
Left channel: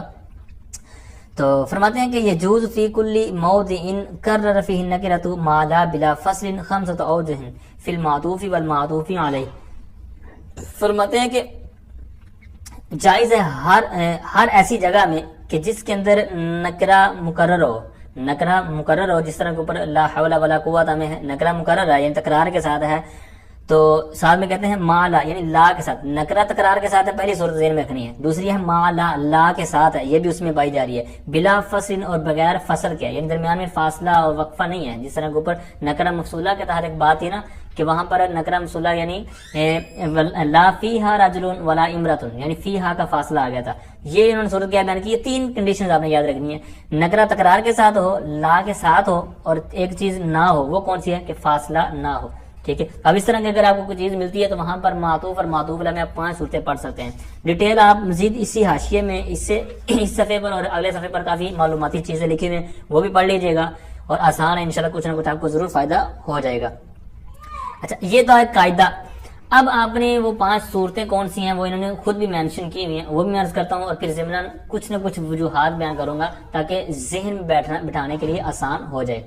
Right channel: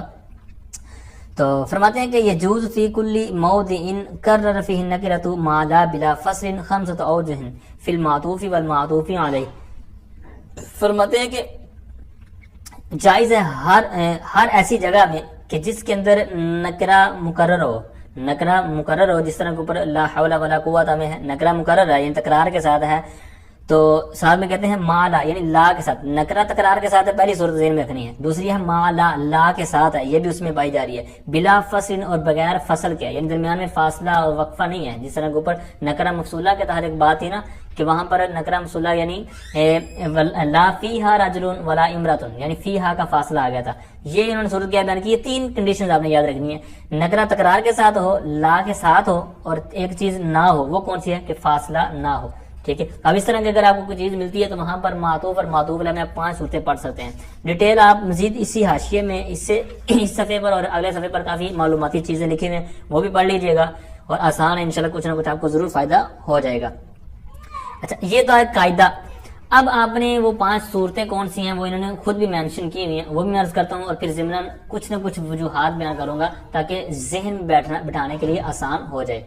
تو فرماتے ہیں کہ یجوز فی کل موضع کرر فیہ النکرۃ ما لا بلا فصل 5 اوجہ فی المعطوف والمعطوف علیہ، فرماتے ہیں کہ جائز ہے ہر ایسی جگہ میں کہ جس کے اندر نکرہ مکرر ہو، جس طرح کے اوپر لا حول ولا قوت میں ہے، نکرہ مکرر ہے یعنی تکرار کے ساتھ ہے، تو ساتھ میں کہتے ہیں ما لا یعنی لا کے ساتھ، نکرہ تکرار کے ساتھ ہے، پہلی صورت ذہن میں رکھنی ہے، دوسری ہے ما لا کے ساتھ ہے، یہ بھی اس میں پائی جا رہی ہے، بلا فصل اور بغیر فصل کے، یعنی درمیان میں فاصلہ اور وقفہ نہیں ہے، جس طرح کے اوپر نکرہ مفصولہ کے تحت ایک بات تھی نا کہ وہاں پر نکرہ مفصولہ یعنی لا فیہا رجل ولا امرۃ، یعنی فیہا کا فاصلہ آ گیا تھا، یہ انہوں نے صورت کیا بیان کی ہے۔ 3 کنڈیشنز آپ نے یاد رکھنی ہے، نکرہ تکرار کے ساتھ ہو، لا کے ساتھ ہو، اور ایک چیز نہ ہو، وہ کون سی ہے کہ فاصلہ نہ ہو، ٹھیک ہے۔ اب اس طرح کی اگر آپ کو کوئی چیز ملتی ہے تو وہاں پر معطوف اور معطوف علیہ میں آپ 5 صورتیں پڑھ سکتے ہیں۔ ڈیٹیل آپ مزید اسی حاشیے میں اس صفحے پر اور اگلے صفحے پر کافی معلوماتی چیزیں لکھی ہوئی ہیں، وہ بھی پڑھ لیجیے گا اور آسان ہے، انشاءاللہ کچھ نہ کچھ آپ کو ضرور فائدہ ہو جائے گا۔ اچھا، یہ تو ہے قاعدہ۔ اب آپ نے وہ 5 صورتیں کون سی ہیں وہ انہوں نے خود بھی مینشن کی ہوئی ہیں، وہ بھی میں عرض کرتا ہوں اور پھر ضمناً کچھ نہ کچھ وجوہات بیان کروں گا تاکہ ذہن میں بٹھانے کے لیے آسان ہو جائے۔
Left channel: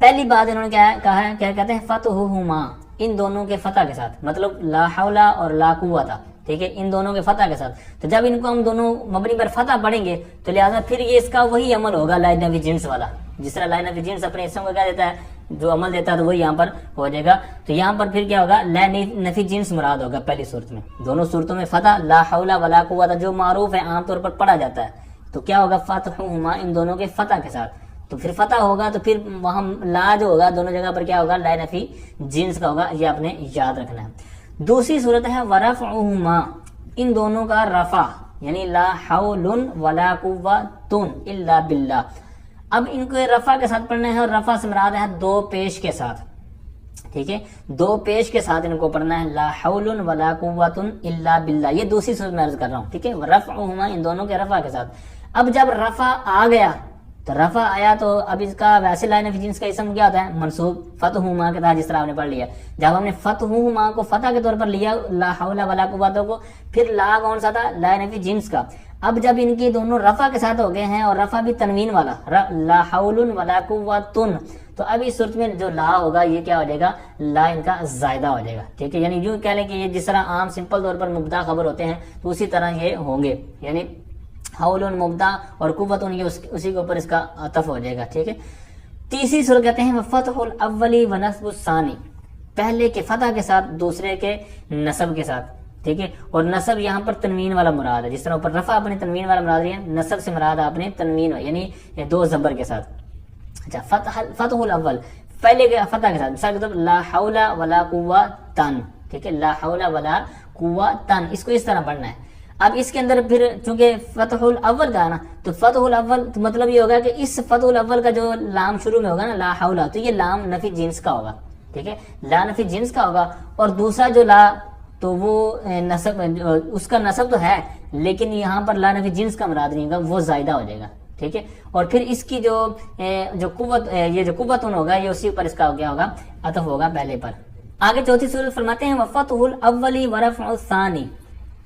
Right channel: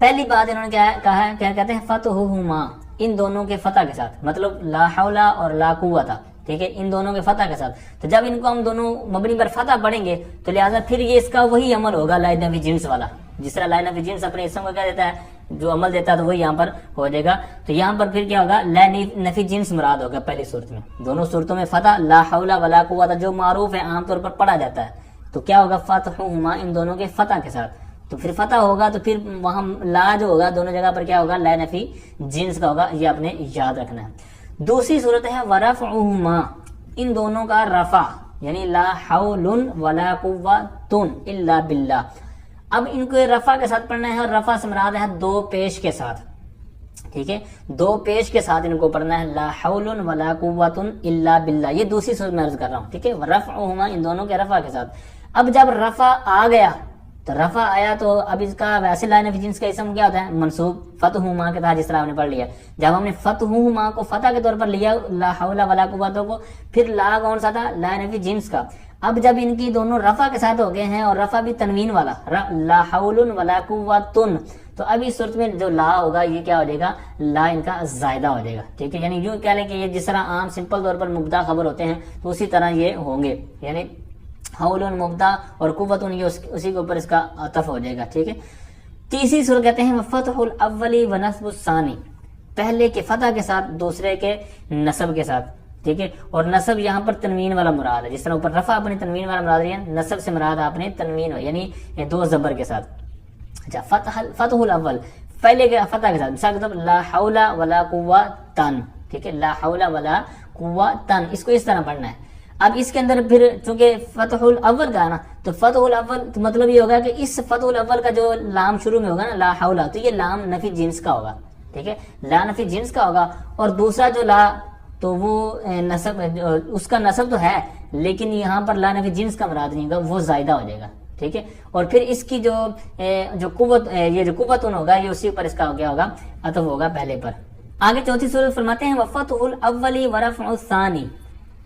پہلی بات انہوں نے کیا کہا ہے، کیا کہتے ہیں فتحہما، ان دونوں کے فتح کے ساتھ، مطلب لا حول اور لا قوت، ٹھیک ہے، ان دونوں کے فتح کے ساتھ. تو جب ان کو ہم دونوں مبنی پر فتح پڑھیں گے تو لہٰذا پھر یہ اس کا وہی عمل ہوگا لا نفی جنس والا. جس طرح لا نفی جنس اپنے اسم کو کیا دیتا ہے، جو عمل دیتا ہے، تو وہی یہاں پر ہو جائے گا. تو یہاں پر پھر کیا ہوگا، لا نفی جنس مراد ہوگا پہلی صورت میں. دونوں صورتوں میں فتح لا حول ولا قوت جو معروف ہے، عام طور پر پڑھا جاتا ہے، تو کیا ہوگا فتحہما، ان دونوں کے فتح کے ساتھ. تو پھر فتح ہوگا تو پھر وہاں لا جو ہوگا دونوں جگہ پر کیا ہوگا، لا نفی جنس کا ہوگا. یہ آپ نے یاد رکھنا ہے. دوسری صورت ہے ورفعہما، ان دونوں کا رفع، یعنی لا حول ولا قوت الا باللہ. اب ان کو رفع کے ساتھ پڑھنا ہے، اور رفع سے مراد ہے دو پیش کے ساتھ، ٹھیک ہے، دو پیش کے ساتھ ان کو پڑھنا ہے، لا حول ولا قوت الا باللہ. یہ دوسری صورت میں عرض کر رہا ہوں، ٹھیک ہے، ورفعہما، ان دونوں کے رفع کے ساتھ. اب جب رفع آ گیا تو رفع آیا تو اب اس کا ویسے لا نفی جنس کا اسم کیا ہوتا ہے، منصوب فتحہما کے تحت، جس طرح آپ نے پڑھ لیا. جب ہم نے فتحہما کو فتح کے طور پر لیا لا حول ولا قوت کو، پھر لا کون سا تھا، لا نفی جنس کا. اب جب ان کی دونوں رفع کے ساتھ ہو گئے ہیں اور رفع بھی تنوین والا، لا حول ولا قوت، تو اب اس صورت میں جو لا ہوگا یہ کیا ہو جائے گا، لا ان کا زائدہ ہو جائے گا، ٹھیک ہے. یعنی یوں کہہ لیں کہ یہ جس طرح عام سمپل طور پر مبتدا خبر ہوتے ہیں تو اسی طرح یہ ہوں گے، یعنی حول مبتدا اور قوت یہ اسی کے اوپر اس کا عطف ہو جائے گا، ٹھیک ہے. تیسری صورت کہتے ہیں فتح الاولی و نصب الثانی، پہلے کے فتح کے ساتھ دوسرے کے نصب کے ساتھ، ٹھیک ہے. اور نصب یہاں پر تنوین والا مراد ہے، جس طرح اوپر رفع اپنے تنوین والا مراد لیا، نصب سے مراد آپ نے تنوین یعنی دو زبر کے ساتھ. اچھا، فتح الاول پہلے کے فتح کے ساتھ، مثال کے طور پر لا حول ولا قوت، ٹھیک ہے، لا حول ولا قوت، اس کو اس طرح پڑھنا ہے. اب اس کے اندر پھر چونکہ فتح الاول کا ہے نا، تو فتح الاول تو مطلب یہ ہوگا کہ اس فتح الاول کا جو لام شروع میں ہوگا نا، لا حول، تو یہ لام نفی جنس کا ہوگا، ٹھیک ہے، لا نفی جنس کا ہوگا. اور دوسرا جو لا تو وہ نصب، اس کا نصب تو ہے لیکن یہاں پر لا نفی جنس کا مراد نہیں ہوگا، وہ زائدہ ہو جائے گا، ٹھیک ہے. اور پھر اس کی جو قوت، یہ جو قوت ہوگا یہ اسی پر اس کا کیا ہوگا، عطف ہوگا پہلے پر. آگے چوتھی صورت فرماتے ہیں وفتح الاولی ورفع الثانی،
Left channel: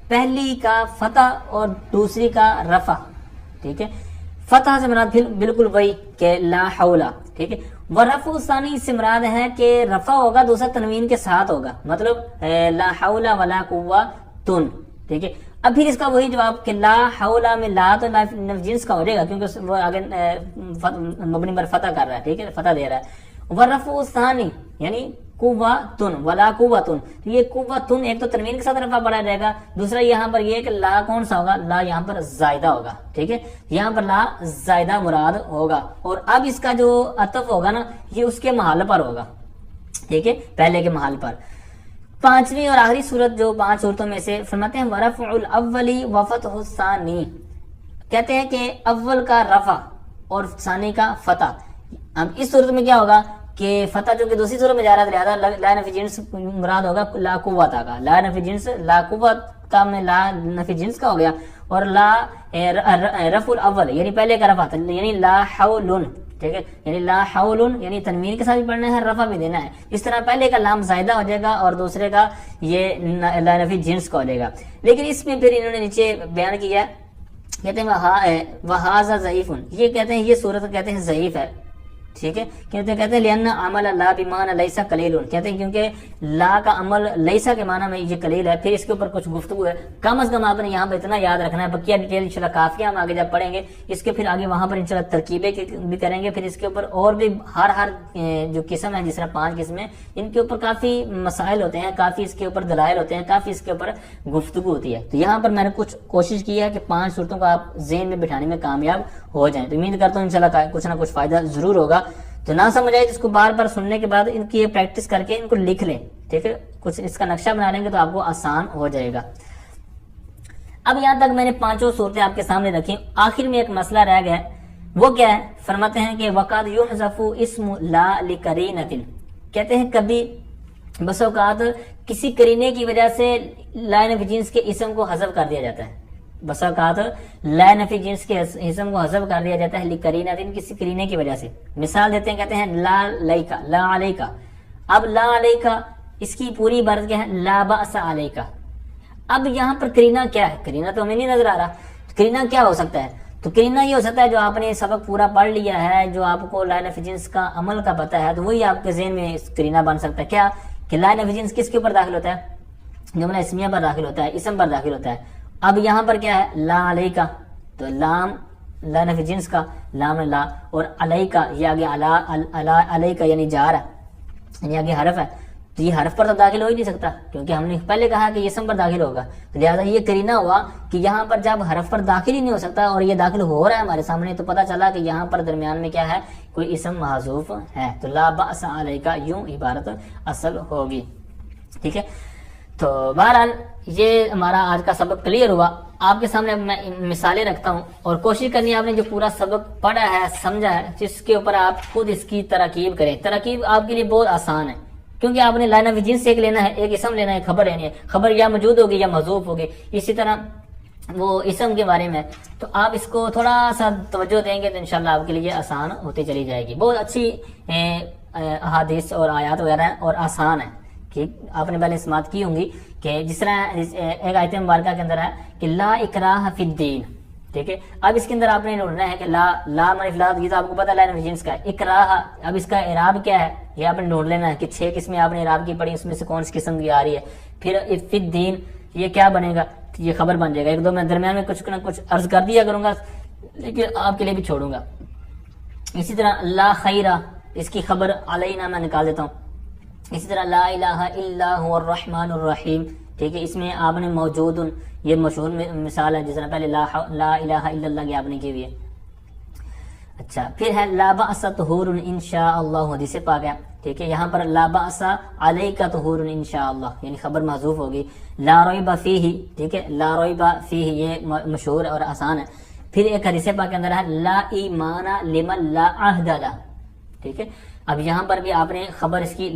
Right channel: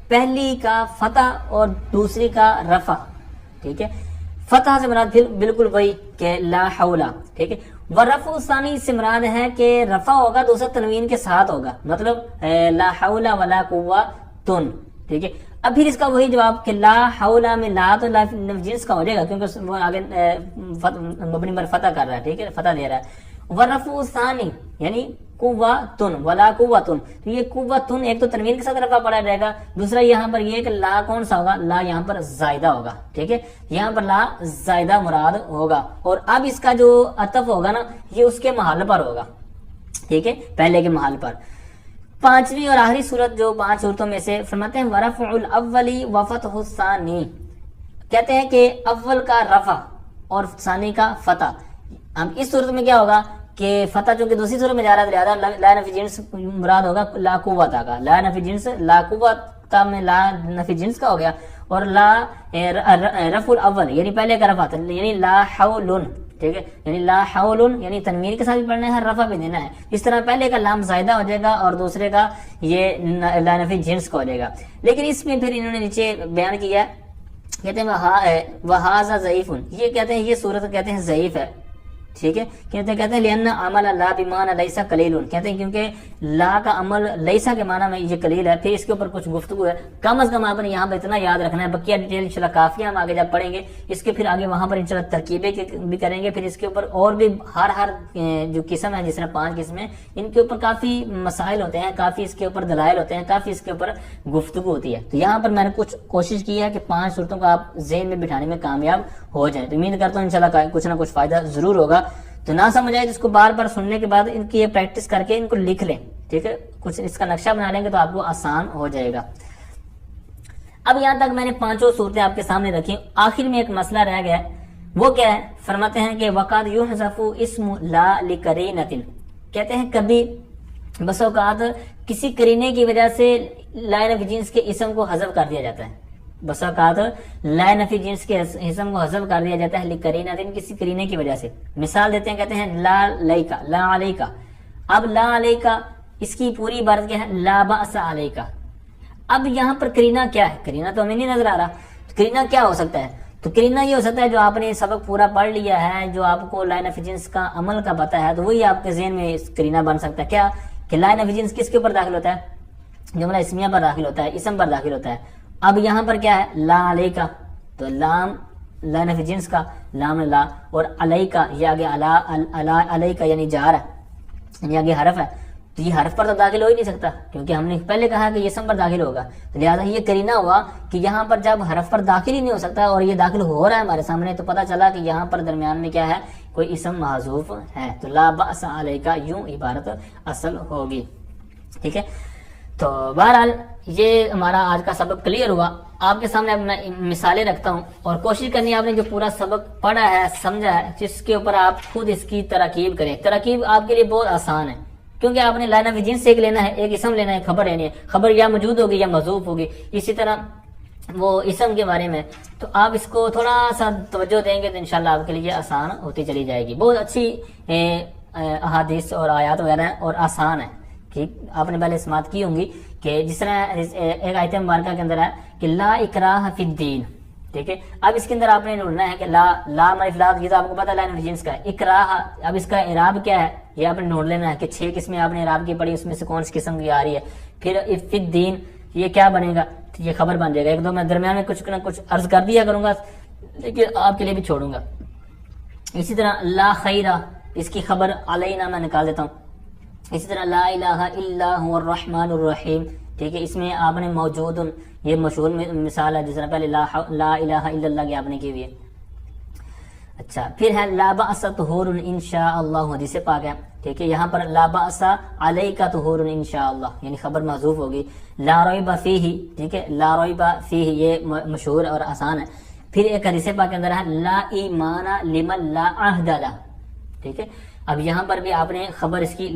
پہلی کا فتح اور دوسری کا رفع، ٹھیک ہے. فتح سے مراد پھر بالکل وہی کہ لا حول، ٹھیک ہے. ورفع الثانی سے مراد ہے کہ رفع ہوگا دوسرا تنوین کے ساتھ ہوگا، مطلب لا حول ولا قوت، ٹھیک ہے. اب پھر اس کا وہی جواب کہ لا حول میں لا تو لا جنس کا ہو جائے گا کیونکہ وہ آگے مبنی پر فتح کر رہا ہے، ٹھیک ہے، فتح دے رہا ہے. ورفع الثانی یعنی قوت ولا قوت، تو یہ قوت ایک تو تنوین کے ساتھ رفع پڑا رہے گا، دوسرا یہاں پر یہ کہ لا کون سا ہوگا، لا یہاں پر زائدہ ہوگا، ٹھیک ہے، یہاں پر لا زائدہ مراد ہوگا. اور اب اس کا جو عطف ہوگا نا یہ اس کے محل پر ہوگا، ٹھیک ہے، پہلے کے محل پر. پانچویں اور آخری صورت جو 5 صورتوں میں سے فرماتے ہیں ورفع الاولی وفتح الثانی، کہتے ہیں کہ اول کا رفع اور ثانی کا فتح. اب اس صورت میں کیا ہوگا کہ فتح جو کہ دوسری صورت میں جا رہا ہے لہذا لا نفی جنس مراد ہوگا لا قوت کا، لا نفی جنس لا قوت کا میں لا نفی جنس کا ہو گیا. اور لا رفع الاول یعنی پہلے کا رفع یعنی لا حول، ٹھیک ہے، یعنی لا حول یعنی تنوین کے ساتھ بھی پڑھنا ہے، رفع بھی دینا ہے. اس طرح پہلے کا لام زائدہ ہو جائے گا اور دوسرے کا یہ لا نفی جنس کا ہو جائے گا. لیکن اس میں پھر انہوں نے نیچے بیان کیا، کہتے ہیں وہذا ضعیف، یہ کہتے ہیں یہ صورت کہتے ہیں ضعیف ہے، ٹھیک ہے. کہتے ہیں لأن عمل لا بمعنى لیسا قلیل، کہتے ہیں کیونکہ لا کا عمل لیسا کے معنی میں یہ قلیل ہے. پھر اس کے اوپر کچھ گفتگو ہے، کم از کم آپ نے یہاں پہ اتنا یاد رکھنا ہے. بقیہ ڈیٹیل انشاءاللہ کافی ہم آگے جب پڑھیں گے، اس کے پھر آگے وہاں پر انشاءاللہ ترکیبیں بھی کریں گے. پھر اس کے اوپر اور بھی ہر جو قسم ہے، جس طرح 5 قسمیں، ان کے اوپر کافی مسائل ہوتے ہیں، کافی اس کے اوپر دلائل ہوتے ہیں، کافی اس کے اوپر گفتگو ہوتی ہے. تو یہاں پر میں نے کچھ کوشش کی ہے کہ 5 صورتوں کو آپ ذہن میں بٹھانے میں کامیاب ہو جائیں. تو امید کرتا ہوں انشاءاللہ کچھ نہ کچھ فائدہ ضرور ہوگا. تو نہ سمجھ آئے جس کو بار بار سننے کے بعد ان کی یہ پریکٹس کر کے ان کو لکھ لیں، ٹھیک ہے، کچھ اس کا نقشہ بنا لیں گے تو آپ کو آسان ہو جائے گا. اب یہاں تک میں نے 5 صورتیں آپ کے سامنے رکھی. آخر میں ایک مسئلہ رہ گیا ہے، وہ کیا ہے؟ فرماتے ہیں کہ وقد یحذف اسم لا لقرینۃ، کہتے ہیں کبھی بس اوقات کسی قرینے کی وجہ سے لا نفی جنس کے اسم کو حذف کر دیا جاتا ہے. بس اوقات لا نفی جنس کے اسم کو حذف کر دیا جاتا ہے لقرینۃ، کسی قرینے کی وجہ سے. مثال دیتے ہیں، کہتے ہیں لا علیکا، لا علیکا. اب لا علیکا اس کی پوری عبارت کیا ہے؟ لا بأس علیکا. اب یہاں پر قرینہ کیا ہے؟ قرینہ تو ہمیں نہیں نظر آ رہا. قرینہ کیا ہو سکتا ہے؟ تو قرینہ یہ ہو سکتا ہے جو آپ نے سبق پورا پڑھ لیا ہے، جو آپ کو لا نفی جنس کا عمل کا پتہ ہے، تو وہی آپ کے ذہن میں قرینہ بن سکتا ہے. کیا کہ لا نفی جنس کس کے اوپر داخل ہوتا ہے؟ جملہ اسمیہ پر داخل ہوتا ہے، اسم پر داخل ہوتا ہے. اب یہاں پر کیا ہے؟ لا علیکا، تو لام لا نفی جنس کا لام لا، اور علیکا یہ آگے علیکا یعنی جار ہے، یعنی آگے حرف ہے، تو یہ حرف پر تو داخل ہو ہی نہیں سکتا کیونکہ ہم نے پہلے کہا کہ یہ اسم پر داخل ہوگا. لہٰذا یہ کرینہ ہوا کہ یہاں پر جب حرف پر داخل ہی نہیں ہو سکتا اور یہ داخل ہو رہا ہے ہمارے سامنے، تو پتہ چلا کہ یہاں پر درمیان میں کیا ہے؟ کوئی اسم محذوف ہے. تو لا بأس علیکا یوں عبارت اصل ہوگی. ٹھیک ہے، تو بہرحال یہ ہمارا آج کا سبق کلیئر ہوا. آپ کے سامنے اب میں مثالیں رکھتا ہوں اور کوشش کرنی ہے آپ نے جو پورا سبق پڑھا ہے سمجھا ہے جس کے اوپر آپ خود اس کی ترکیب کریں. ترکیب آپ کے لیے بہت آسان ہے کیونکہ آپ نے لا نفی جنس ایک لینا ہے، ایک اسم لینا ہے، خبر لینی ہے. خبر یا موجود ہوگی یا محذوف ہوگی. اسی طرح وہ اسم کے بارے میں تو آپ اس کو تھوڑا سا توجہ دیں گے تو انشاءاللہ آپ کے لیے آسان ہوتی چلی جائے گی. بہت اچھی احادیث اور آیات وغیرہ ہیں اور آسان ہے کہ آپ نے پہلے سماعت کی ہوں گی کہ جس طرح ایک آیت مبارکہ کے اندر ہے کہ لا اکراہ فی الدین. ٹھیک ہے، اب اس کے اندر آپ نے ڈھونڈنا ہے کہ لا منفلات یہ تو آپ کو پتا لا نفی جنس کا اکراہ. اب اس کا اعراب کیا ہے یہ آپ نے ڈھونڈ لینا ہے کہ 6 قسمیں آپ نے اعراب کی پڑھی، اس میں سے کون سی قسم کی آ رہی ہے. پھر فی الدین یہ کیا بنے گا؟ یہ خبر بن جائے گا. ایک دو میں درمیان میں کچھ نہ کچھ عرض کر دیا کروں گا لیکن آپ کے لیے بھی چھوڑوں گا. اسی طرح لا خیرہ اس کی خبر علینا میں نکال دیتا ہوں. اسی طرح لا الہ الا هو الرحمن الرحیم. ٹھیک ہے، اس میں آپ نے موجود یہ مشہور مثال ہے جس طرح پہلے لا الہ الا اللہ کی آپ نے کی ہوئی ہے. اچھا، پھر ہے لا بأس طہور انشاء اللہ، حدیث پاک ہے. ٹھیک ہے، یہاں پر لا بأس علیک طہور انشاء اللہ یعنی خبر محذوف ہوگی. لا ریب فیہ، ٹھیک ہے، لا ریب فیہ یہ مشہور اور آسان ہے. پھر ایک حدیث پاک کے اندر ہے لا ایمان لمن لا عہد لہ. ٹھیک ہے، اب یہاں پر بھی آپ نے خبر اس کی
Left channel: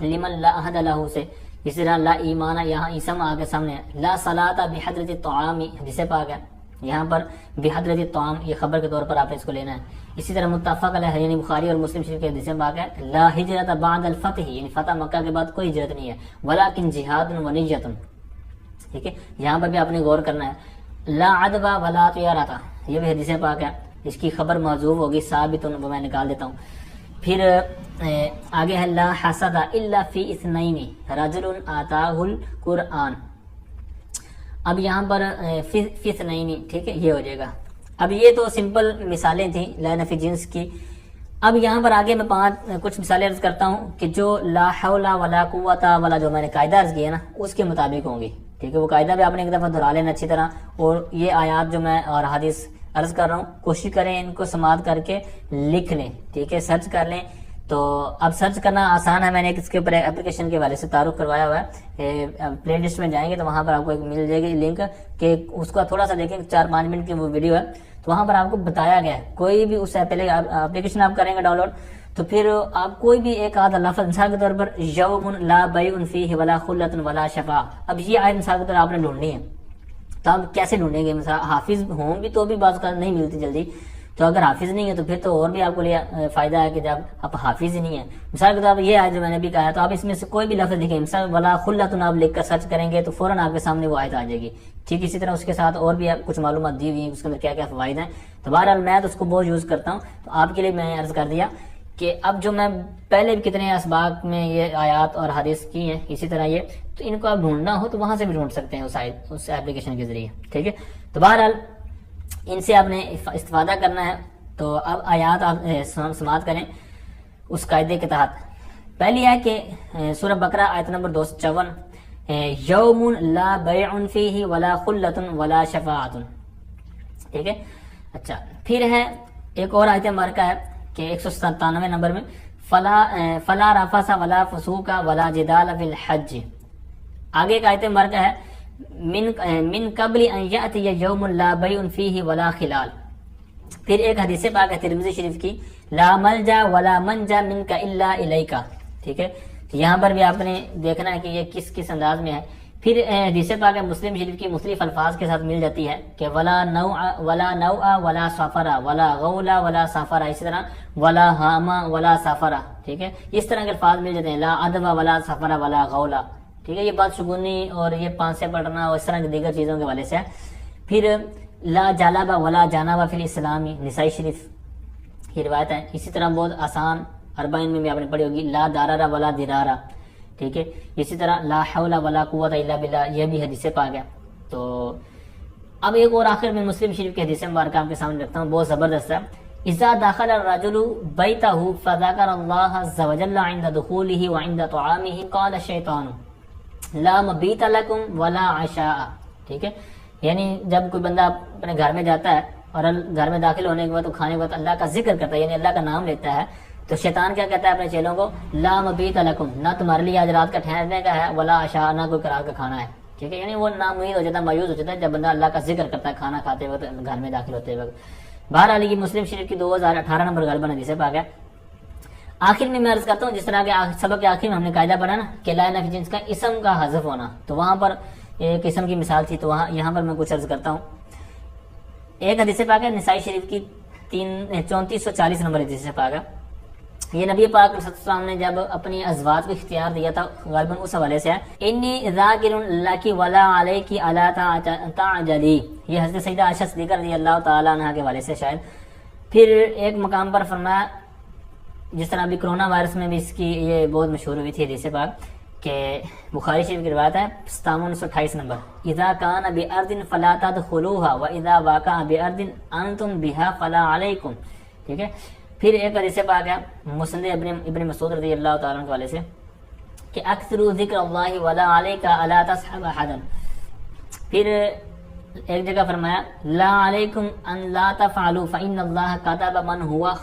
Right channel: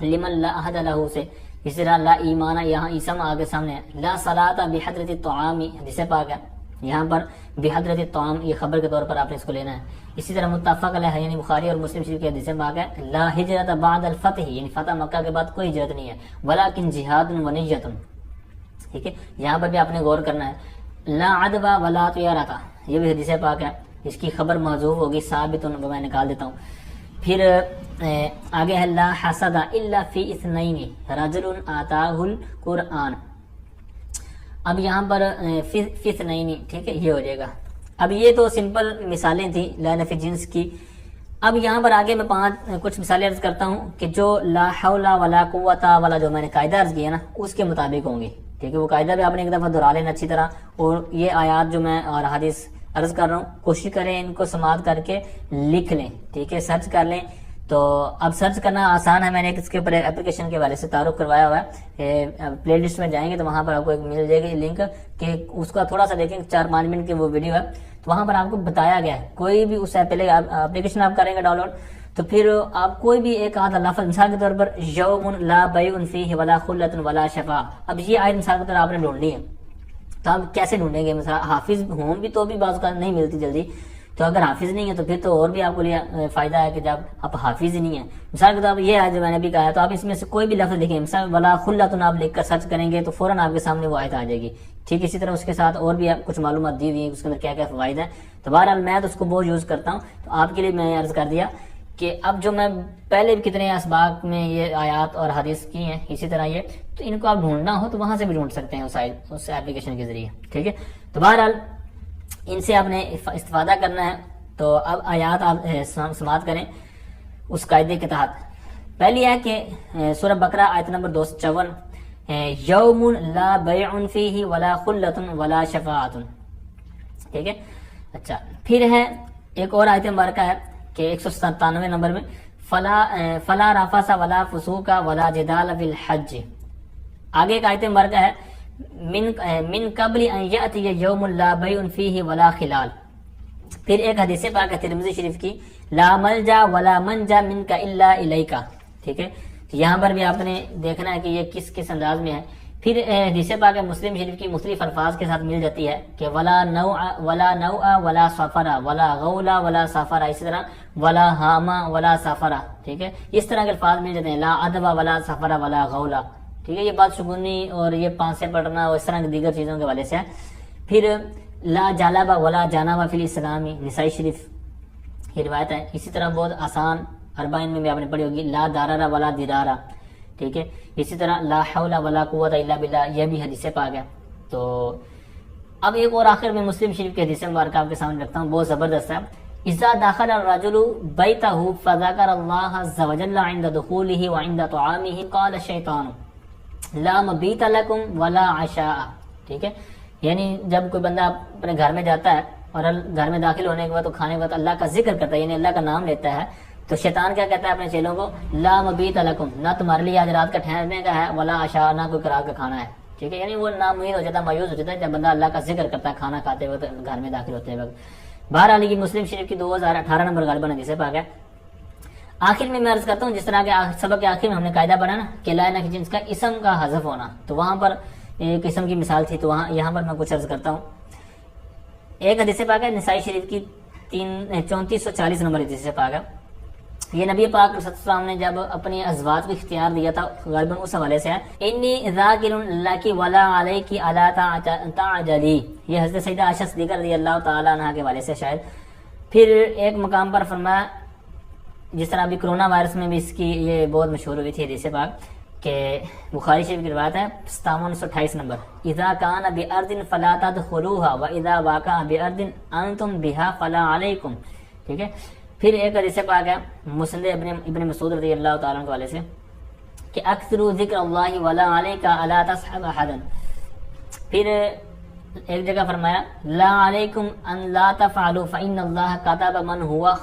لمن لا عہد لہ سے. اسی طرح لا ایمان یہاں اسم آگے سامنے ہے. لا صلاۃ بحضرۃ الطعام حدیث پاک ہے، یہاں پر بحضرۃ الطعام یہ خبر کے طور پر آپ نے اس کو لینا ہے. اسی طرح متفق علیہ یعنی بخاری اور مسلم شریف کے حدیث پاک ہے لا ہجرت بعد الفتح یعنی فتح مکہ کے بعد کوئی ہجرت نہیں ہے ولکن جہاد و نیت. ٹھیک ہے، یہاں پر بھی آپ نے غور کرنا ہے. لا عدوہ ولا طیارۃ یہ بھی حدیث پاک ہے، اس کی خبر محذوف ہوگی ثابت میں نکال دیتا ہوں. پھر آگے ہے لا حسد الا فی اثنین رجل آتاہ القرآن. اب یہاں پر فی اثنین، ٹھیک ہے، یہ ہو جائے گا. اب یہ تو سمپل مثالیں تھیں لا نفی جنس کی. اب یہاں پر آگے میں کچھ مثالیں عرض کرتا ہوں کہ جو لا حول ولا قوت والا جو میں نے قاعدہ عرض کیا نا اس کے مطابق ہوں گی. ٹھیک ہے، وہ قاعدہ بھی آپ نے ایک دفعہ دہرا لینا اچھی طرح. اور یہ آیات جو میں اور حدیث عرض کر رہا ہوں کوشش کریں ان کو سماعت کر کے لکھ لیں. ٹھیک ہے، سرچ کر لیں. تو اب سرچ کرنا آسان ہے، میں نے اس کے اوپر اپلیکیشن کے حوالے سے تعارف کروایا ہوا ہے. پلے لسٹ میں جائیں گے تو وہاں پر آپ کو ایک مل جائے گی لنک کہ اس کا تھوڑا سا دیکھیں 4-5 منٹ کی وہ ویڈیو ہے. تو وہاں پر آپ کو بتایا گیا ہے کوئی بھی اس سے پہلے اپلیکیشن آپ کریں گے ڈاؤن لوڈ تو پھر آپ کوئی بھی ایک آدھا لفظ مثال کے طور پر یوم لا بیع فیہ ولا خلۃ ولا شفاع. اب یہ آیت مثال کے طور آپ نے ڈھونڈنی ہے تو آپ کیسے ڈھونڈیں گے؟ مثلا حافظ ہوں بھی تو بھی بعض کا نہیں ملتی جلدی. تو اگر حافظ نہیں ہے تو پھر تو اور بھی آپ کو لیے فائدہ ہے کہ جب آپ حافظ ہی نہیں ہے. مثال کے طور پر یہ آیت جو میں نے بھی کہا ہے تو آپ اس میں سے کوئی بھی لفظ لکھیں مثال ولا خلۃ آپ لکھ کر سرچ کریں گے تو فوراً آپ کے سامنے وہ آیت آ جائے گی. ٹھیک، اسی طرح اس کے ساتھ اور بھی کچھ معلومات دی ہوئی ہیں اس کے اندر کیا کیا فوائد ہیں. تو بہرحال میں تو اس کو بہت یوز کرتا ہوں تو آپ کے لیے میں نے عرض کر دیا کہ اب جو میں پہلے بھی کتنے اسباق میں یہ آیات اور حدیث کی ہیں اسی طرح یہ تو ان کو آپ ڈھونڈنا ہو تو وہاں سے بھی ڈھونڈ سکتے ہیں اس ایپلیکیشن کے ذریعے. ٹھیک ہے، تو بہرحال ان سے آپ نے استفادہ کرنا ہے. تو اب آیات آپ سماعت کریں اس قاعدے کے تحت. پہلی ہے کہ سورہ بقرہ آیت نمبر 254 یوم لا بیع فیہ ولا خلۃ ولا شفاعۃ. ٹھیک ہے، اچھا پھر ہے ایک اور آیت مبارکہ ہے کہ 197 نمبر میں فلا رفث ولا فسوق ولا جدال فی الحج. آگے ایک آیت مبارکہ ہے من قبل ان یأتی یوم لا بیع فیہ ولا خلال. پھر ایک حدیث پاک ہے ترمذی شریف کی لا ملجا ولا منجا منک الا الیک. ٹھیک ہے، تو یہاں پر بھی آپ نے دیکھنا ہے کہ یہ کس انداز میں ہے. پھر حدیث پاک ہے مسلم شریف کی مختلف الفاظ کے ساتھ مل جاتی ہے کہ ولا نوع ولا سفرا ولا غولا ولا سفرا. اسی طرح ولا ہاما ولا سفرا. ٹھیک ہے، اس طرح کے الفاظ مل جاتے ہیں لا ادوا ولا سفرا ولا غولا. ٹھیک ہے، یہ بات شگونی اور یہ 5 سے پڑھنا اور اس طرح کی دیگر چیزوں کے حوالے سے ہے. پھر لا جالبا ولا جانبا فی الاسلامی نسائی شریف کی روایت ہے. اسی طرح بہت آسان 40 میں بھی آپ نے پڑھی ہوگی لا دارارا ولا درارا. ٹھیک ہے. اسی طرح لا حول ولا قوت الا باللہ یہ بھی حدیث پاک ہے. تو اب ایک اور آخر میں مسلم شریف کی حدیث مبارکہ آپ کے سامنے رکھتا ہوں، بہت زبردست ہے. اذا دخل الرجل بیتہ فذکر اللہ عز وجل عند دخولہ وعند طعامہ قال الشیطان لا مبیت لکم ولا عشاء. ٹھیک ہے، یعنی جب کوئی بندہ اپنے گھر میں جاتا ہے اور گھر میں داخل ہونے کے بعد تو کھانے کے بعد اللہ کا ذکر کرتا ہے، یعنی اللہ کا نام لیتا ہے، تو شیطان کیا کہتا ہے اپنے چیلوں کو، لا مبیت لکم، نہ تمہارے لیے آج رات کا ٹھہرنے کا ہے، ولا عشاء، نہ کوئی رات کا کھانا ہے. ٹھیک ہے، یعنی وہ نامید ہو جاتا ہے، مایوس ہو جاتا ہے جب بندہ اللہ کا ذکر کرتا ہے کھانا کھاتے وقت، گھر میں داخل ہوتے وقت. بہرحال یہ مسلم شریف کی 2018 نمبر غالباً حدیث پاک ہے. آخر میں عرض کرتا ہوں، جس طرح کے سبق کے آخر میں ہم نے قاعدہ پڑھا نا کہ لا الہ جنس کا اسم کا حذف ہونا، تو وہاں پر ایک اسم کی مثال تھی، تو یہاں پر میں کچھ عرض کرتا ہوں. ایک حدیث پاک ہے نسائی شریف کی 3440 نمبر حدیث پاک ہے. یہ نبی پاک صلی اللہ علیہ وسلم نے جب اپنی ازواج کو اختیار دیا تھا، غالباً اس حوالے سے ہے، انی ذاکر لکی ولا علیکی الا تعجلی، یہ حضرت سیدہ عائشہ صدیقہ رضی اللہ تعالیٰ عنہ کے حوالے سے شاید. پھر ایک مقام پر فرمایا، جس طرح ابھی کرونا وائرس میں بھی اس کی یہ بہت مشہور ہوئی تھی حدیث پاک، کہ بخاری شریف کی روایت ہے 5728 نمبر، اذا کان بارض فلا تدخلوها واذا واقع بارض انتم بها فلا علیکم. ٹھیک ہے. پھر ایک حدیث پاک ہے مسند ابن مسعود رضی اللہ تعالیٰ عنہ کے حوالے سے کہ اکثروا ذکر اللہ ولا علیک الا تصحب احدا. پھر ایک جگہ فرمایا لا علیکم ان لا تفعلوا فان اللہ کتب من هو